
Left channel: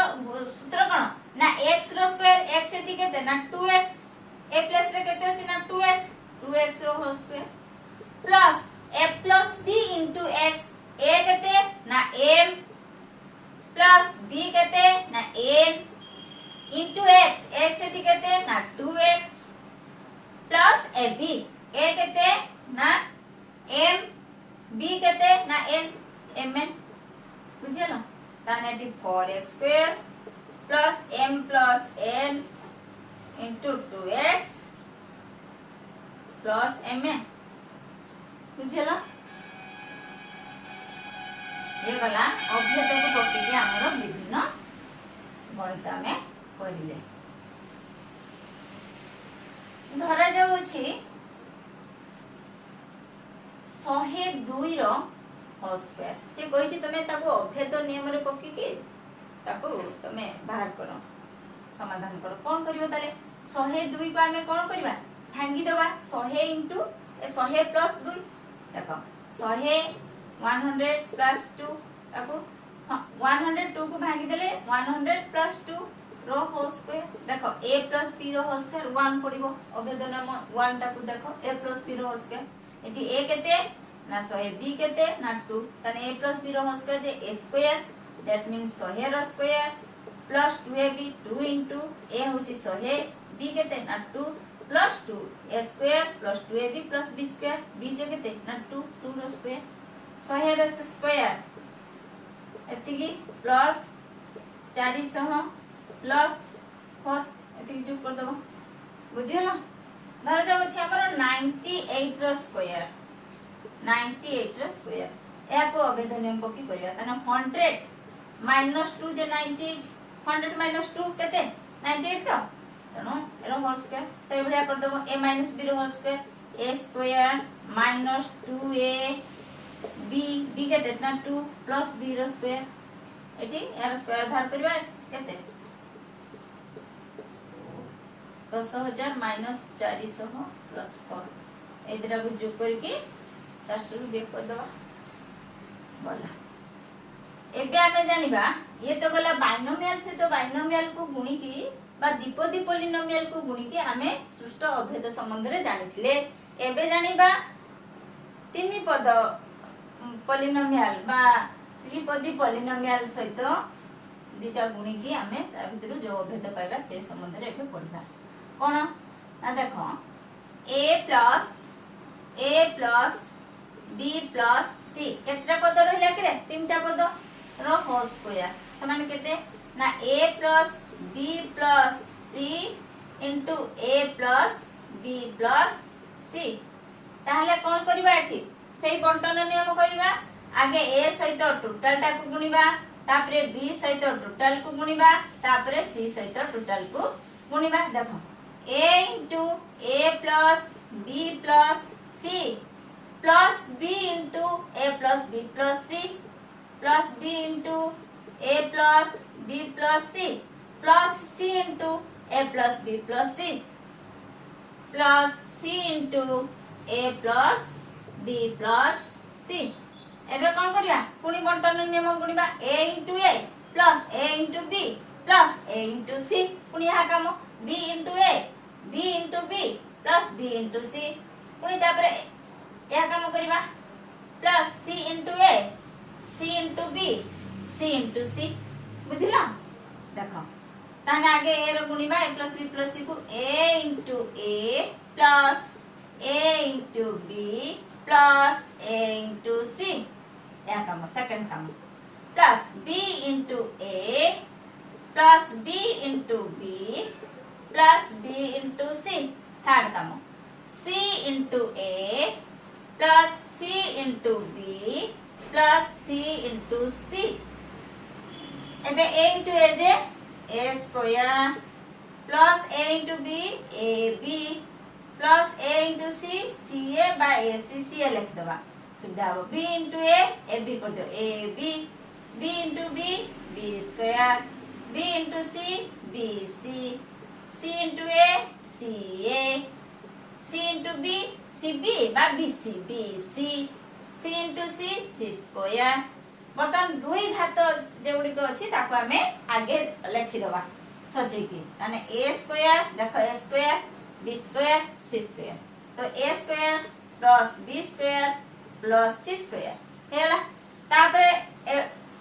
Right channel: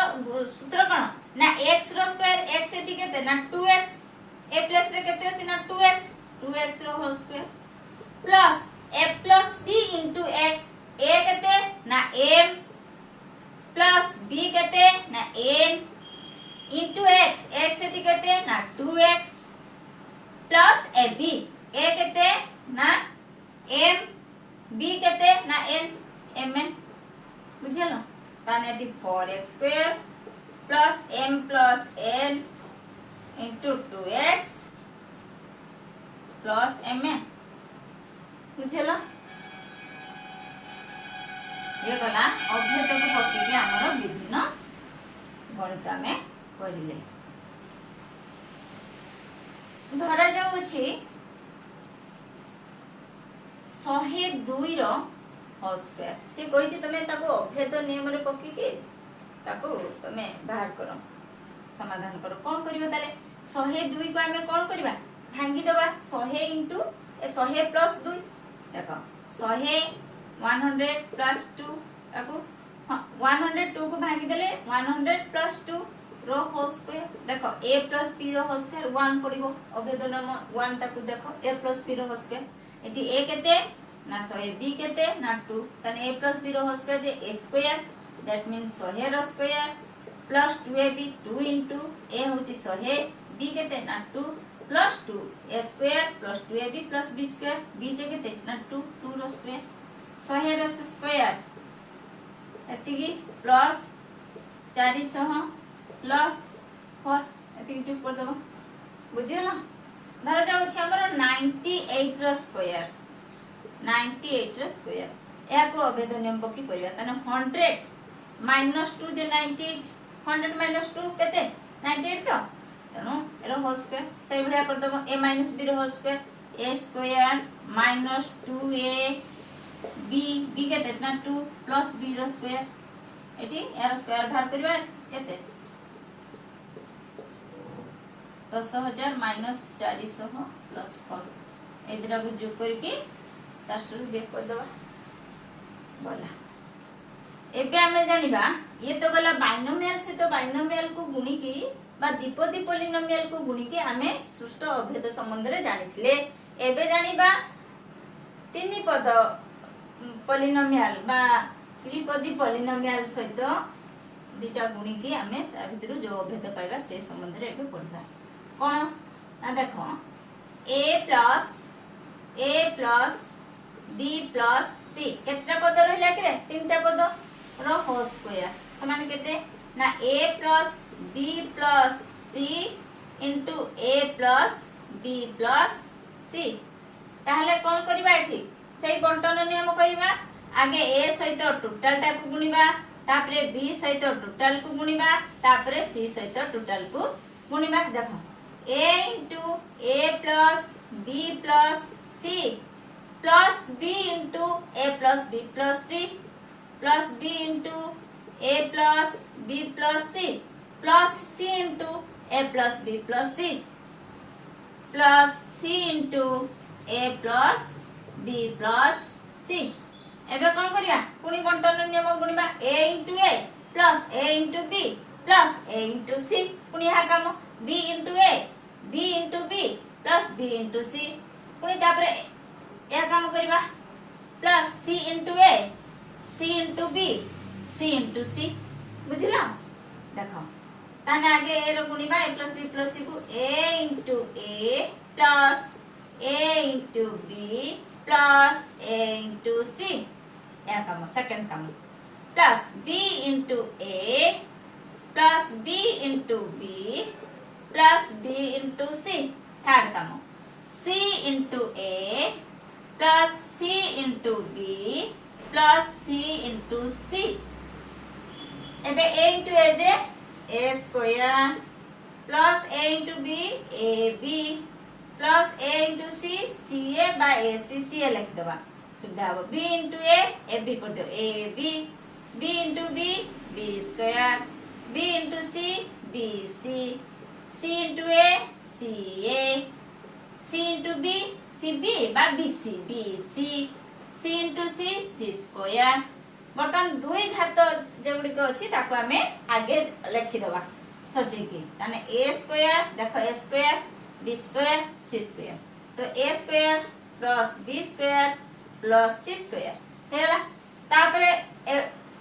सूत्र कोन ना x रो स्क्वायर x एथि केते ना 2x a प्लस रे केते अछि ना 2x रो whole square plus a plus b into x a केते ना m प्लस b केते ना n into x x एथि केते ना 2x प्लस ab a केते ना m b केते ना n mn बुझियलो ताने eighty 4x square plus m plus n into 2x plus mn बुझियलो ये गला अभ्यत को पक्की के हमरो विभिन्न गणित में करिले धरा जाउ अछि 102 रो होल स्क्वायर से कहि छी तमे ताको अभेद नियम रे पक्की के ताको तमे बाहर करो समाधान करो कोन करियो ताले 102 को हमें कोन करबा भांगी दबा 100 इनटू 100 प्लस 2 देखो 100 100 प्लस 2 ताको 102 को भांगी देले 100 प्लस 2 रो होल स्क्वायर देखो a प्लस b रो होल स्क्वायर 1 पडिबो अभेद नियम 1 ताको देखो a प्लस b रो होल स्क्वायर एटी a केते ना 100 b केते ना 2 तने a प्लस b रो होल स्क्वायर जे a स्क्वायर दैट मींस 100 रो square plus 2ab 2 into a होची 100 b केते ना 2 plus 2 a square plus 2ab plus b square b जे केते ना 2 2 रो स्क्वायर 100 रो स्क्वायर एतिकी प्लस 400 प्लस 4 एतिकी जो कर दबो बुझियला धरा जाउ छै हमर 98 रो स्क्वायर 98 रो स्क्वायर या को अभेद नियम पकी करिया तने 100 माइनस 2 जे 98 100 माइनस 2 केते 98 तो तनो एरो होल स्क्वायर से बढ़िया कर दबो a माइनस b रो whole square a square minus 2a b केते ना 2 प्लस b रो स्क्वायर एटी एरो स्क्वायर बाहर करबा केते 10000 माइनस 400 प्लस 4 एदरा को जोग करके 400 बेक कर दबा बोला एबे हमें जानिबा ये तो गला बाइनोमियल से तो बाइनोमियल को गुणी की बा द्विपदी पॉलिनोमियल को गुणी की हमें सुष्ट अभेद संबंध रे जानिथिले एबे जानिबा तीन पद पॉलिनोमियल बा त्रिपदी पॉलिनोमियल सहित दीटा गुणिकी आमे ता भितर जो अभेद पाइबा से संबंध रे एबे पढिबा कोन ना देखो a plus b plus c केतना पद रहला कि रे तीनटा पद रो होल स्क्वायर समान केते ना a plus b plus c into a plus b plus c ताहले कोन करबा एठी सेही बंटन नियम करबा आगे a सहित टोटल टा को गुणिबा तापरे b सहित टोटल को गुणिबा तापरे c सहित टोटल को गुणिबा देखो a into a plus b plus c plus b into a plus b plus c plus b into a plus b plus c plus c into a plus b plus c plus c into a plus b plus c एबे कोन करिया पुनी बंटन नियम गुणिबा a into a plus a into b plus a into c पुनी हा काम b into a b into b plus b into c पुनी तापरे या काम करिबा plus c into a c into b c into c बुझिला देखो ताने आगे a row गुणिबा a plus b plus c को a into a plus a into b plus a into c या काम सेकंड काम plus b into a plus b into b plus b into c third काम c into a plus c into b plus c into c एबे a into a जे a square plus a into b ab plus a into c ca by ac ca लिख दबा सुविधा हो b into a ab कर दो ab b into b b square b into c bc c into a ca c into b cb by bc bc c into c c square बर्तमान दुई घात जेगुडी को अछि ताको हमें आगे लिखि दबा सजे की माने a स्क्वायर देखो a square b square c square तो a square plus b square plus c square हेला तापरे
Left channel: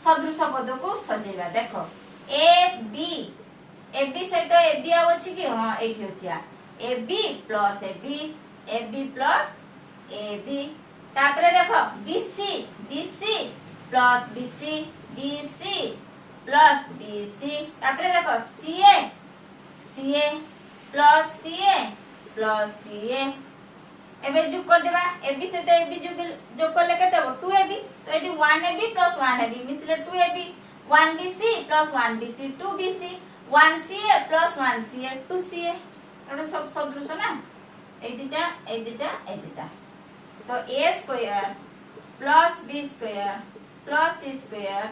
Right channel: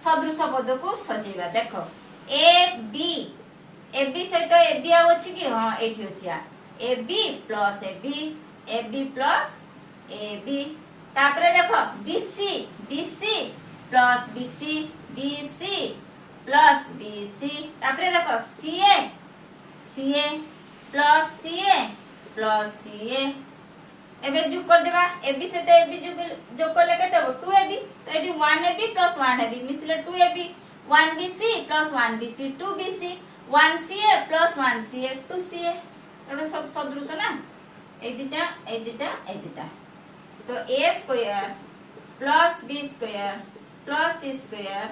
सदृश पद को सजेबा देखो a b सहित a b आउछि कि हां एठी अछि a b plus a b plus a b तापरे देखो bc plus bc plus bc तापरे देखो ca प्लस ca एबे जोग कर देबा ab सहित ab जोग करले केते हो 2ab तो एडी 1ab प्लस 1ab मिसले 2ab 1bc plus 1bc 2bc 1ca plus 1ca 2ca एटा सब सदृश ना ए दिटा तो a square plus b square plus c square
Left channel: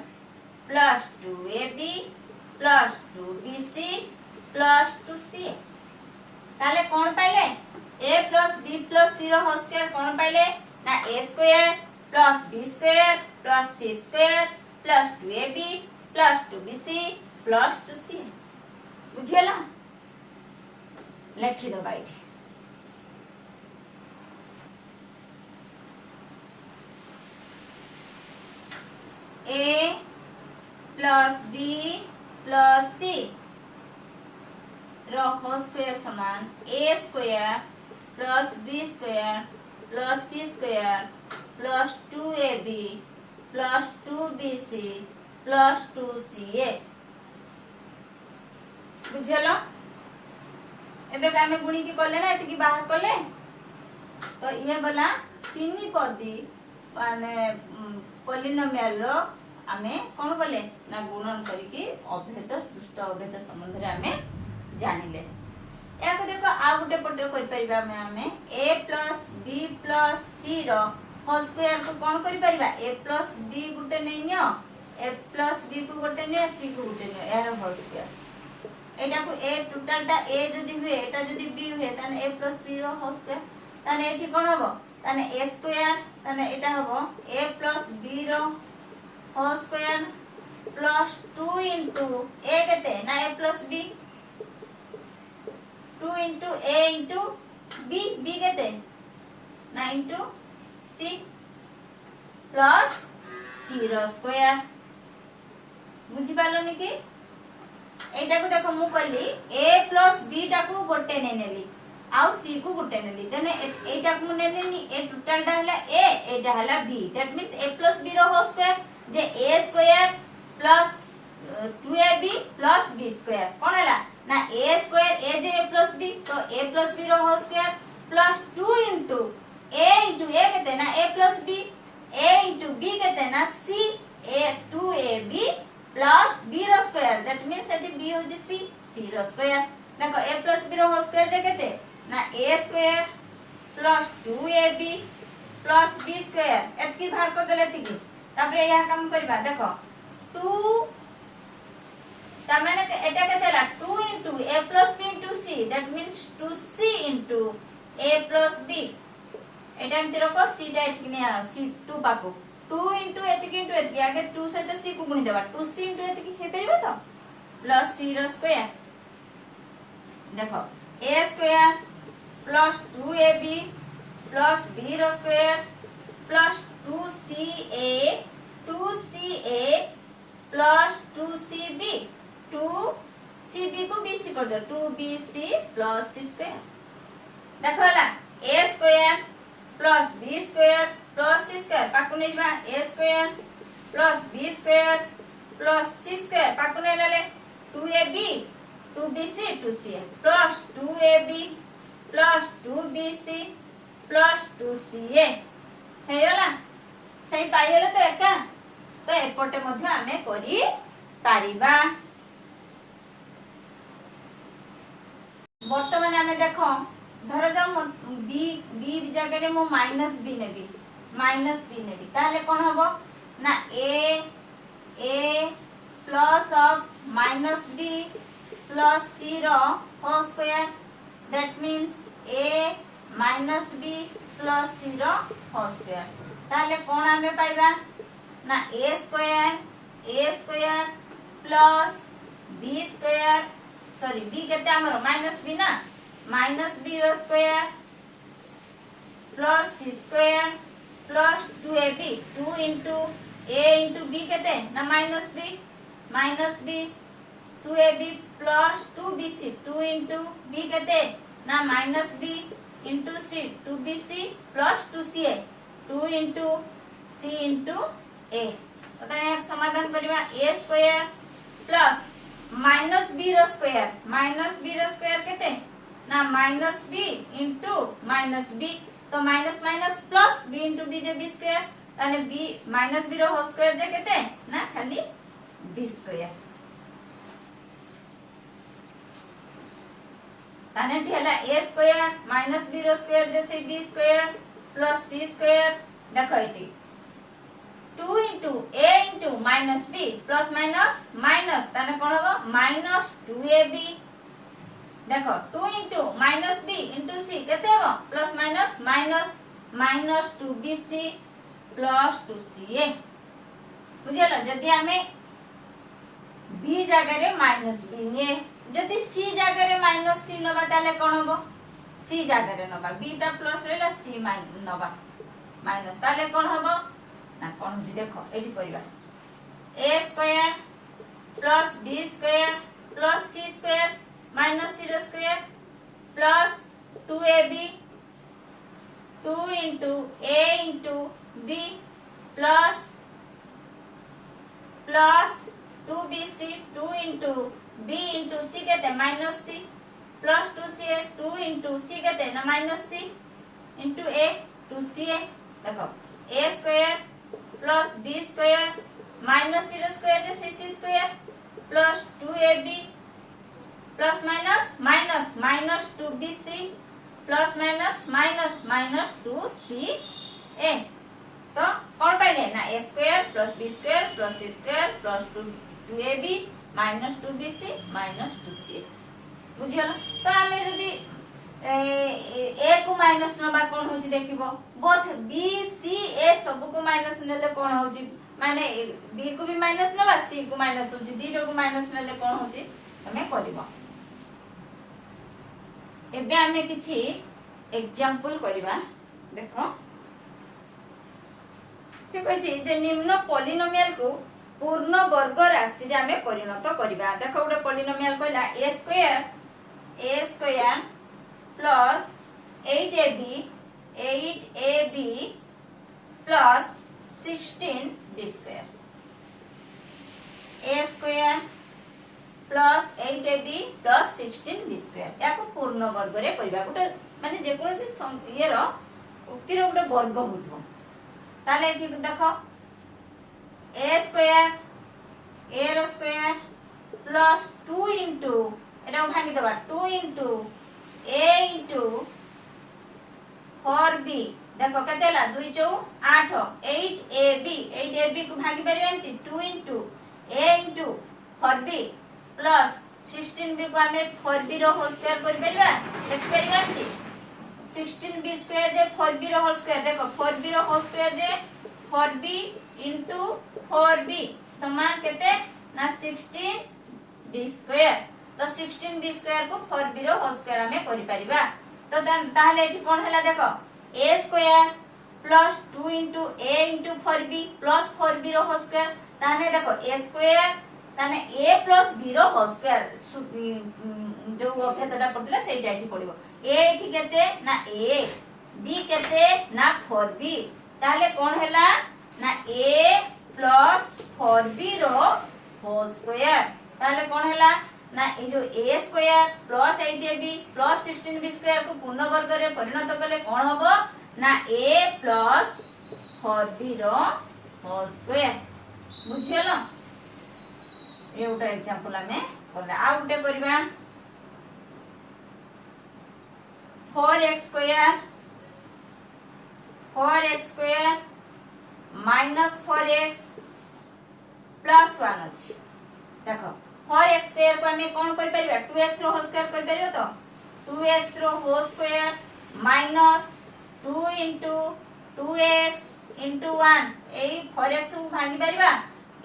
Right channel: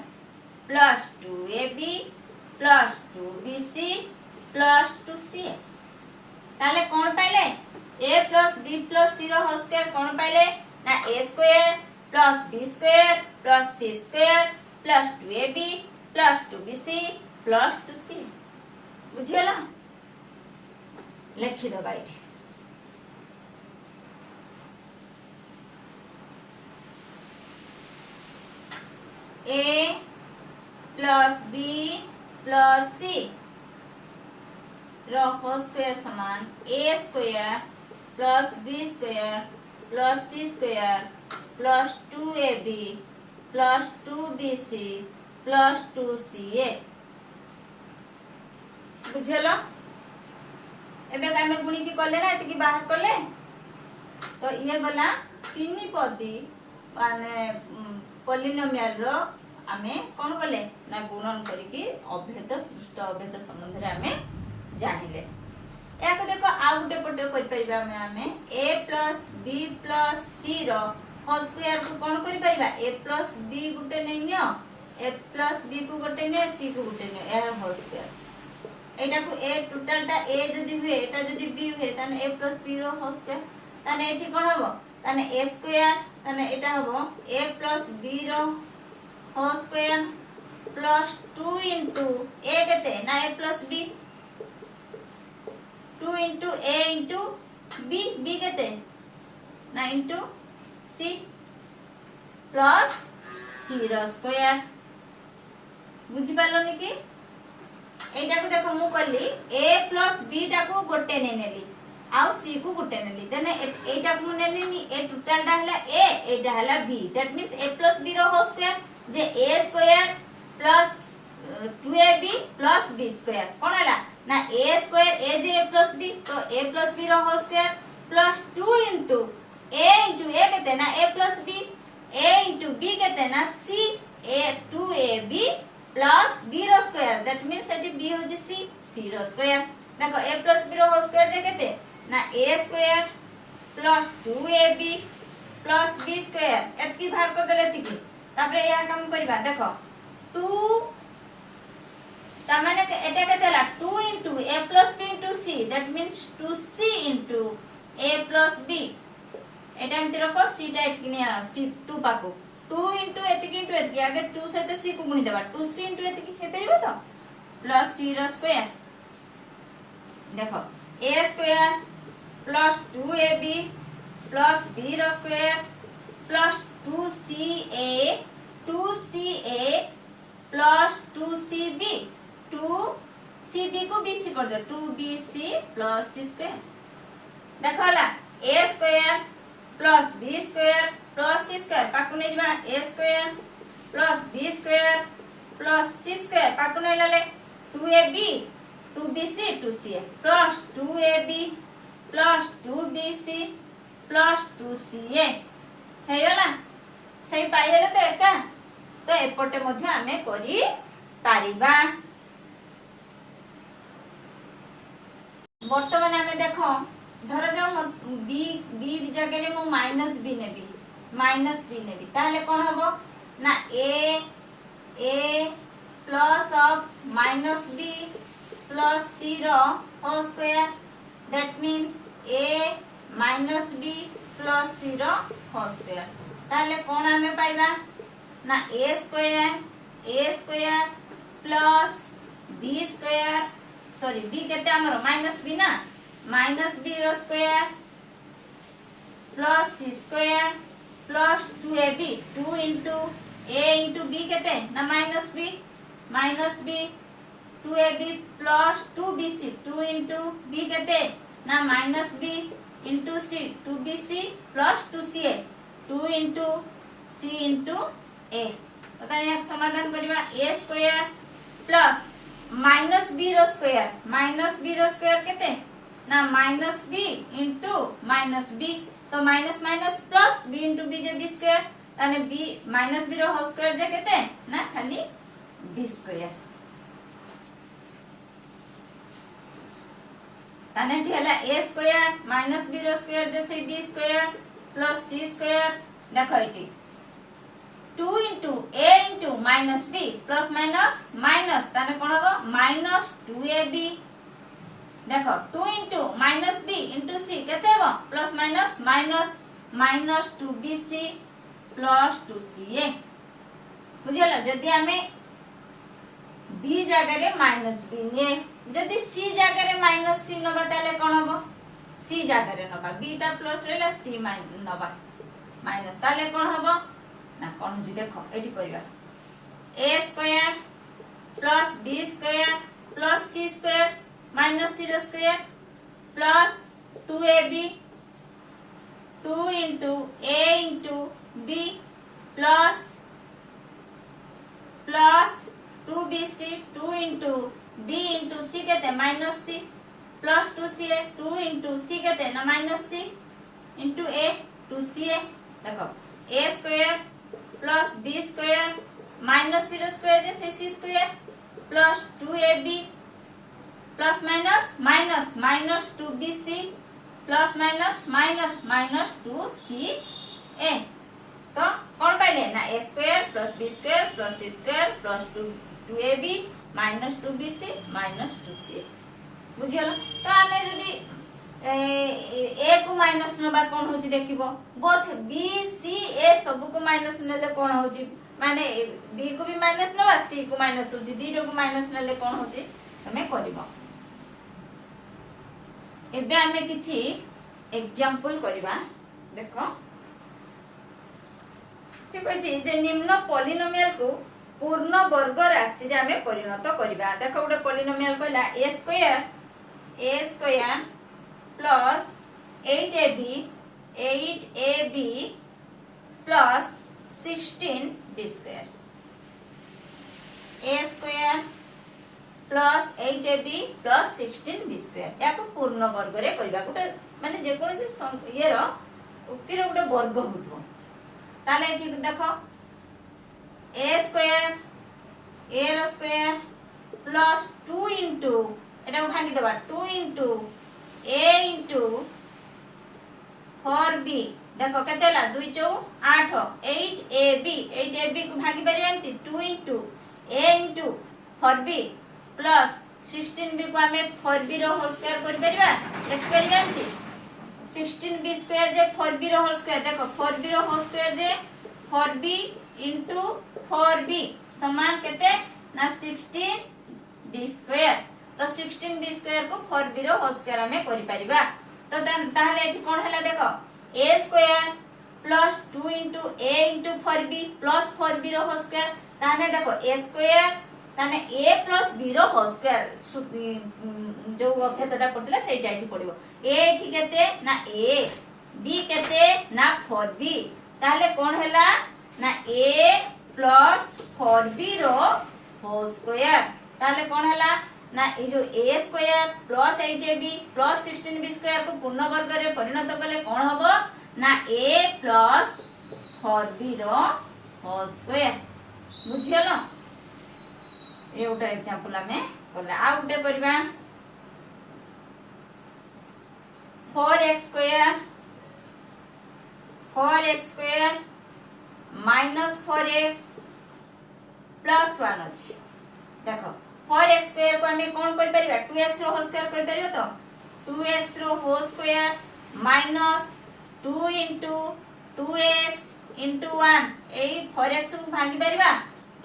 plus 2ab plus 2bc plus 2ca ताले कोन पाइले a plus b plus c रो होल स्क्वायर कोन पाइले ना a square plus b square plus c square plus 2ab plus 2bc plus 2c बुझेला लिखि दो बाइट a plus b plus c रो होल स्क्वायर समान a square plus b square plus c square plus 2ab plus 2bc plus 2ca बुझेलो एबे कामे गुणी की करले ना एति की बाहर करले तो ये गला तीन पदी माने पॉलिनोमियल रो आमे कोन करले ना गुणन करी की अभेद सृष्ट अभेद संबंध रे आमे जानिले याको देखो आ गुटे पटे करि परिबा आमे a plus b plus c रो होल स्क्वायर को कोन करि परिबा a प्लस b गुटे नै नियो a प्लस b को गुटे नै c को गुटे नै यार होल स्क्वायर एटा को a टोटल ता a जदी हुए एटा जदी b हुए ताने a प्लस b रो होल स्क्वायर ताने एठी कोन हबो ताने a स्क्वायर ताने एटा हबो a प्लस b रो whole square plus 2 into a केते ना a plus b 2 into a into b केते 9 into c प्लस c सी रो स्क्वायर बुझी पारलनी कि एटा को देखो मु कहली a प्लस b टा को गोटे नै नेली आउ c को गोटे नेली तने एटा को नेली ए टोटल टा हला a एटा हला b that means a plus b रो होल स्क्वायर जे a square plus 2ab plus b square कोन हला ना a स्क्वायर a जे a प्लस b तो a प्लस b रो whole square plus 2 into a केते ना a plus b a into b केते ना c a 2ab plus b रो स्क्वायर दैट मींस सेटी b हो जे c रो स्क्वायर देखो a प्लस b रो होल स्क्वायर जे केते ना a square plus 2ab plus b square एतकी बाहर कर देले थिकी तापरे या काम करबा देखो 2 ता माने एटा केतेला 2 into a plus b into c that means 2c into a plus b एटा हम तेरे को c टा एतकी नै आ c 2 पाको 2 into एतकी आगे 2 सहित c को गुणी देबा 2c into एतकी हे परबो तो प्लस c रो स्क्वायर देखो a square plus 2ab plus b रो square plus 2ca plus 2cb 2cb को bc कर दो 2bc प्लस c स्क्वायर देखो हला a square plus b square plus c square पाकु नै जबा a square plus b square plus c square पाकु नै लेले 2ab 2bc 2ca plus 2ab plus 2bc plus 2ca हेयला सही पाइले तो एका तो एपटे मध्ये आमे करी पारिबा वर्तमान आमे देखो धर जाऊ बी जगह रे मु माइनस बी नेबी ताले कोन हबो ना a plus of minus b plus c रो whole square that means a minus b plus c रो होल स्क्वायर ताले कोन हमें पाइबा ना a square plus b square sorry b केते हमरो माइनस b ना माइनस b रो square plus c square plus 2ab 2 into a into b केते ना minus b 2ab plus 2bc 2 into b केते ना minus b into c 2bc plus 2ca 2 into c into a तो ताने समाधान करबा a square plus minus b रो square केते ना minus b into minus b तो minus minus plus b into b जे b स्क्वायर ताने b माइनस b रो होल स्क्वायर जे केते ना खाली b स्क्वायर ताने ठी हला a स्क्वायर माइनस b रो स्क्वायर जैसे b square plus c square देखो एटी 2 into a into minus b plus minus minus ताने कोन हबो माइनस 2ab देखो 2 into minus b into c केते हबो प्लस माइनस माइनस माइनस 2bc प्लस 2ca बुझियला जदी हमें b जगह रे माइनस b ने जदी c जगह रे माइनस c नबा ताले कोन हबो c जगह रे नबा b ता प्लस रेला c नबा माइनस ताले कोन हबो ना कोन जी देखो एठी करबा a square plus b square plus c square minus c रो square plus 2ab 2 into a into b plus 2bc 2 into b into c केते minus c plus 2ca 2 into c केते ना minus c into a 2ca देखो a square plus b square minus c रो square जैसे c square plus 2ab प्लस minus minus माइनस 2bc plus minus minus minus 2ca तो कौन पाइले ना a square plus b square plus c square plus 2ab minus 2bc minus 2ca बुझियला तो आमे जदी a को माइनस नबा कोन होची देखिबो बोथ b c a सब को माइनस नेले कोन होची माने b को भी माइनस नबा c को माइनस होची दीटो को माइनस नेले कोन होची तमे करबो एबे आमे किछि एग्जांपल करबा देखो से कहि जे निम्न पॉलिनोमियल को पूर्ण वर्ग राशि रे हमें परिणत करबा। देखो गोटे पॉलिनोमियल कहला a square plus 8ab plus 16b square. a square plus 8ab plus 16b square या को पूर्ण वर्ग रे करबा। गोटे माने जे कोनोसी ये रो उक्ति रो गोटे वर्ग होथो ताले एठी देखो a स्क्वायर a रो स्क्वायर प्लस 2 इनटू एटा भांगी दबा 2 इनटू a इनटू 4b देखो केतेला 2 4 8 8ab को भागी परिबा एंती 2 into a into 4b plus 16b को हमें 4b रो होल स्क्वायर कर परिबा लिख परिबा एंती 16b स्क्वायर जे 4b रो होल स्क्वायर देखो 4b रो होल स्क्वायर जे 4b इनटू 4b समान केते ना 16b स्क्वायर। तो 16b स्क्वायर को 4b रो होल स्क्वायर हमें करि परिबा। तो ताहले एठी कोन हला देखो a square plus 2 into a into 4b plus 4b रो होल स्क्वायर ताने देखो a स्क्वायर ताने a प्लस b रो होल स्क्वायर जो अभेदटा पड़तला सेटा एठी पड़िबो। a एठी केते ना a b केते ना 4b ताले कोन हला ना a प्लस 4b रो होल स्क्वायर ताले कोन हला ना ए जो a square plus 8ab plus 16b square को पूर्ण वर्ग रे परिणत कले कोन हबो ना a प्लस 4b रो होल स्क्वायर। बुझियलो ए उटा एग्जांपल हमें करले आ उटे करबा 4x square minus 4x plus 1 अछि। देखो 4x स्क्वायर को हमें कौन कर परिबा 2x रो होल स्क्वायर कर परिबो। तो 2x रो whole square minus 2 into 2x into 1 ए 4x को भागी परिबा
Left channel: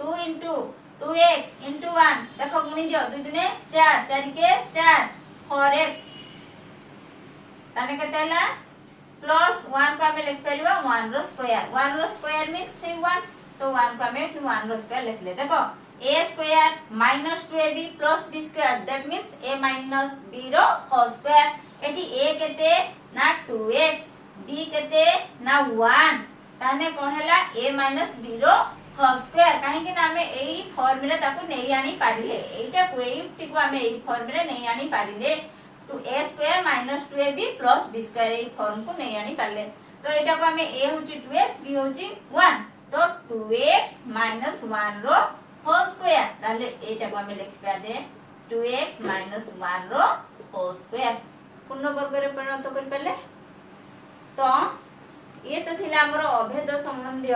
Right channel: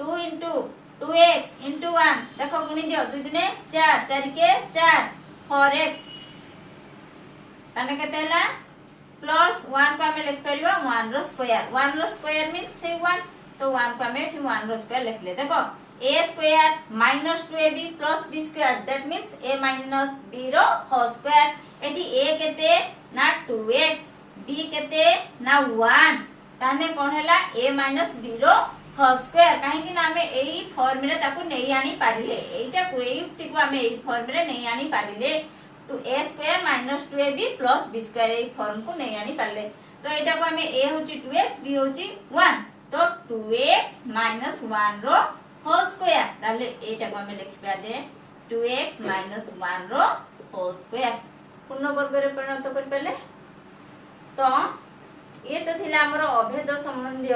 2 इनटू 2x इनटू 1 देखो गुणी दियो 2 दुने 4 4 के 4 4x ताने केते हला प्लस 1 को हमें लिख परिबा 1 रो स्क्वायर मींस से 1 तो 1 को हमें 1 रो स्क्वायर लिख ले। देखो a square minus 2ab plus b square that means a minus b रो होल स्क्वायर। एटी a केते ना 2x b केते ना 1 ताने कोन हला a माइनस b रो होल स्क्वायर काहे कि ना हमें एई फॉर्म रे ताको नै आनी पारिले एटा को एई युक्ति को हमें एई फॉर्म रे नै आनी पारिले तो a square minus 2ab plus b square AE form को नै आनी पारले। तो एटा को हमें a होची 2x b होची 1 तो 2x माइनस 1 रो होल स्क्वायर ताले एटा को हमें लिखबा दे 2x माइनस 1 रो होल स्क्वायर पूर्ण वर्ग रे परिणत कर पले। तो ये तो थिला हमर अभेद संबंधी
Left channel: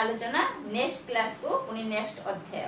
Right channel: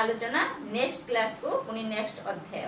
आलोचना नेक्स्ट क्लास को पुनी नेक्स्ट अध्याय।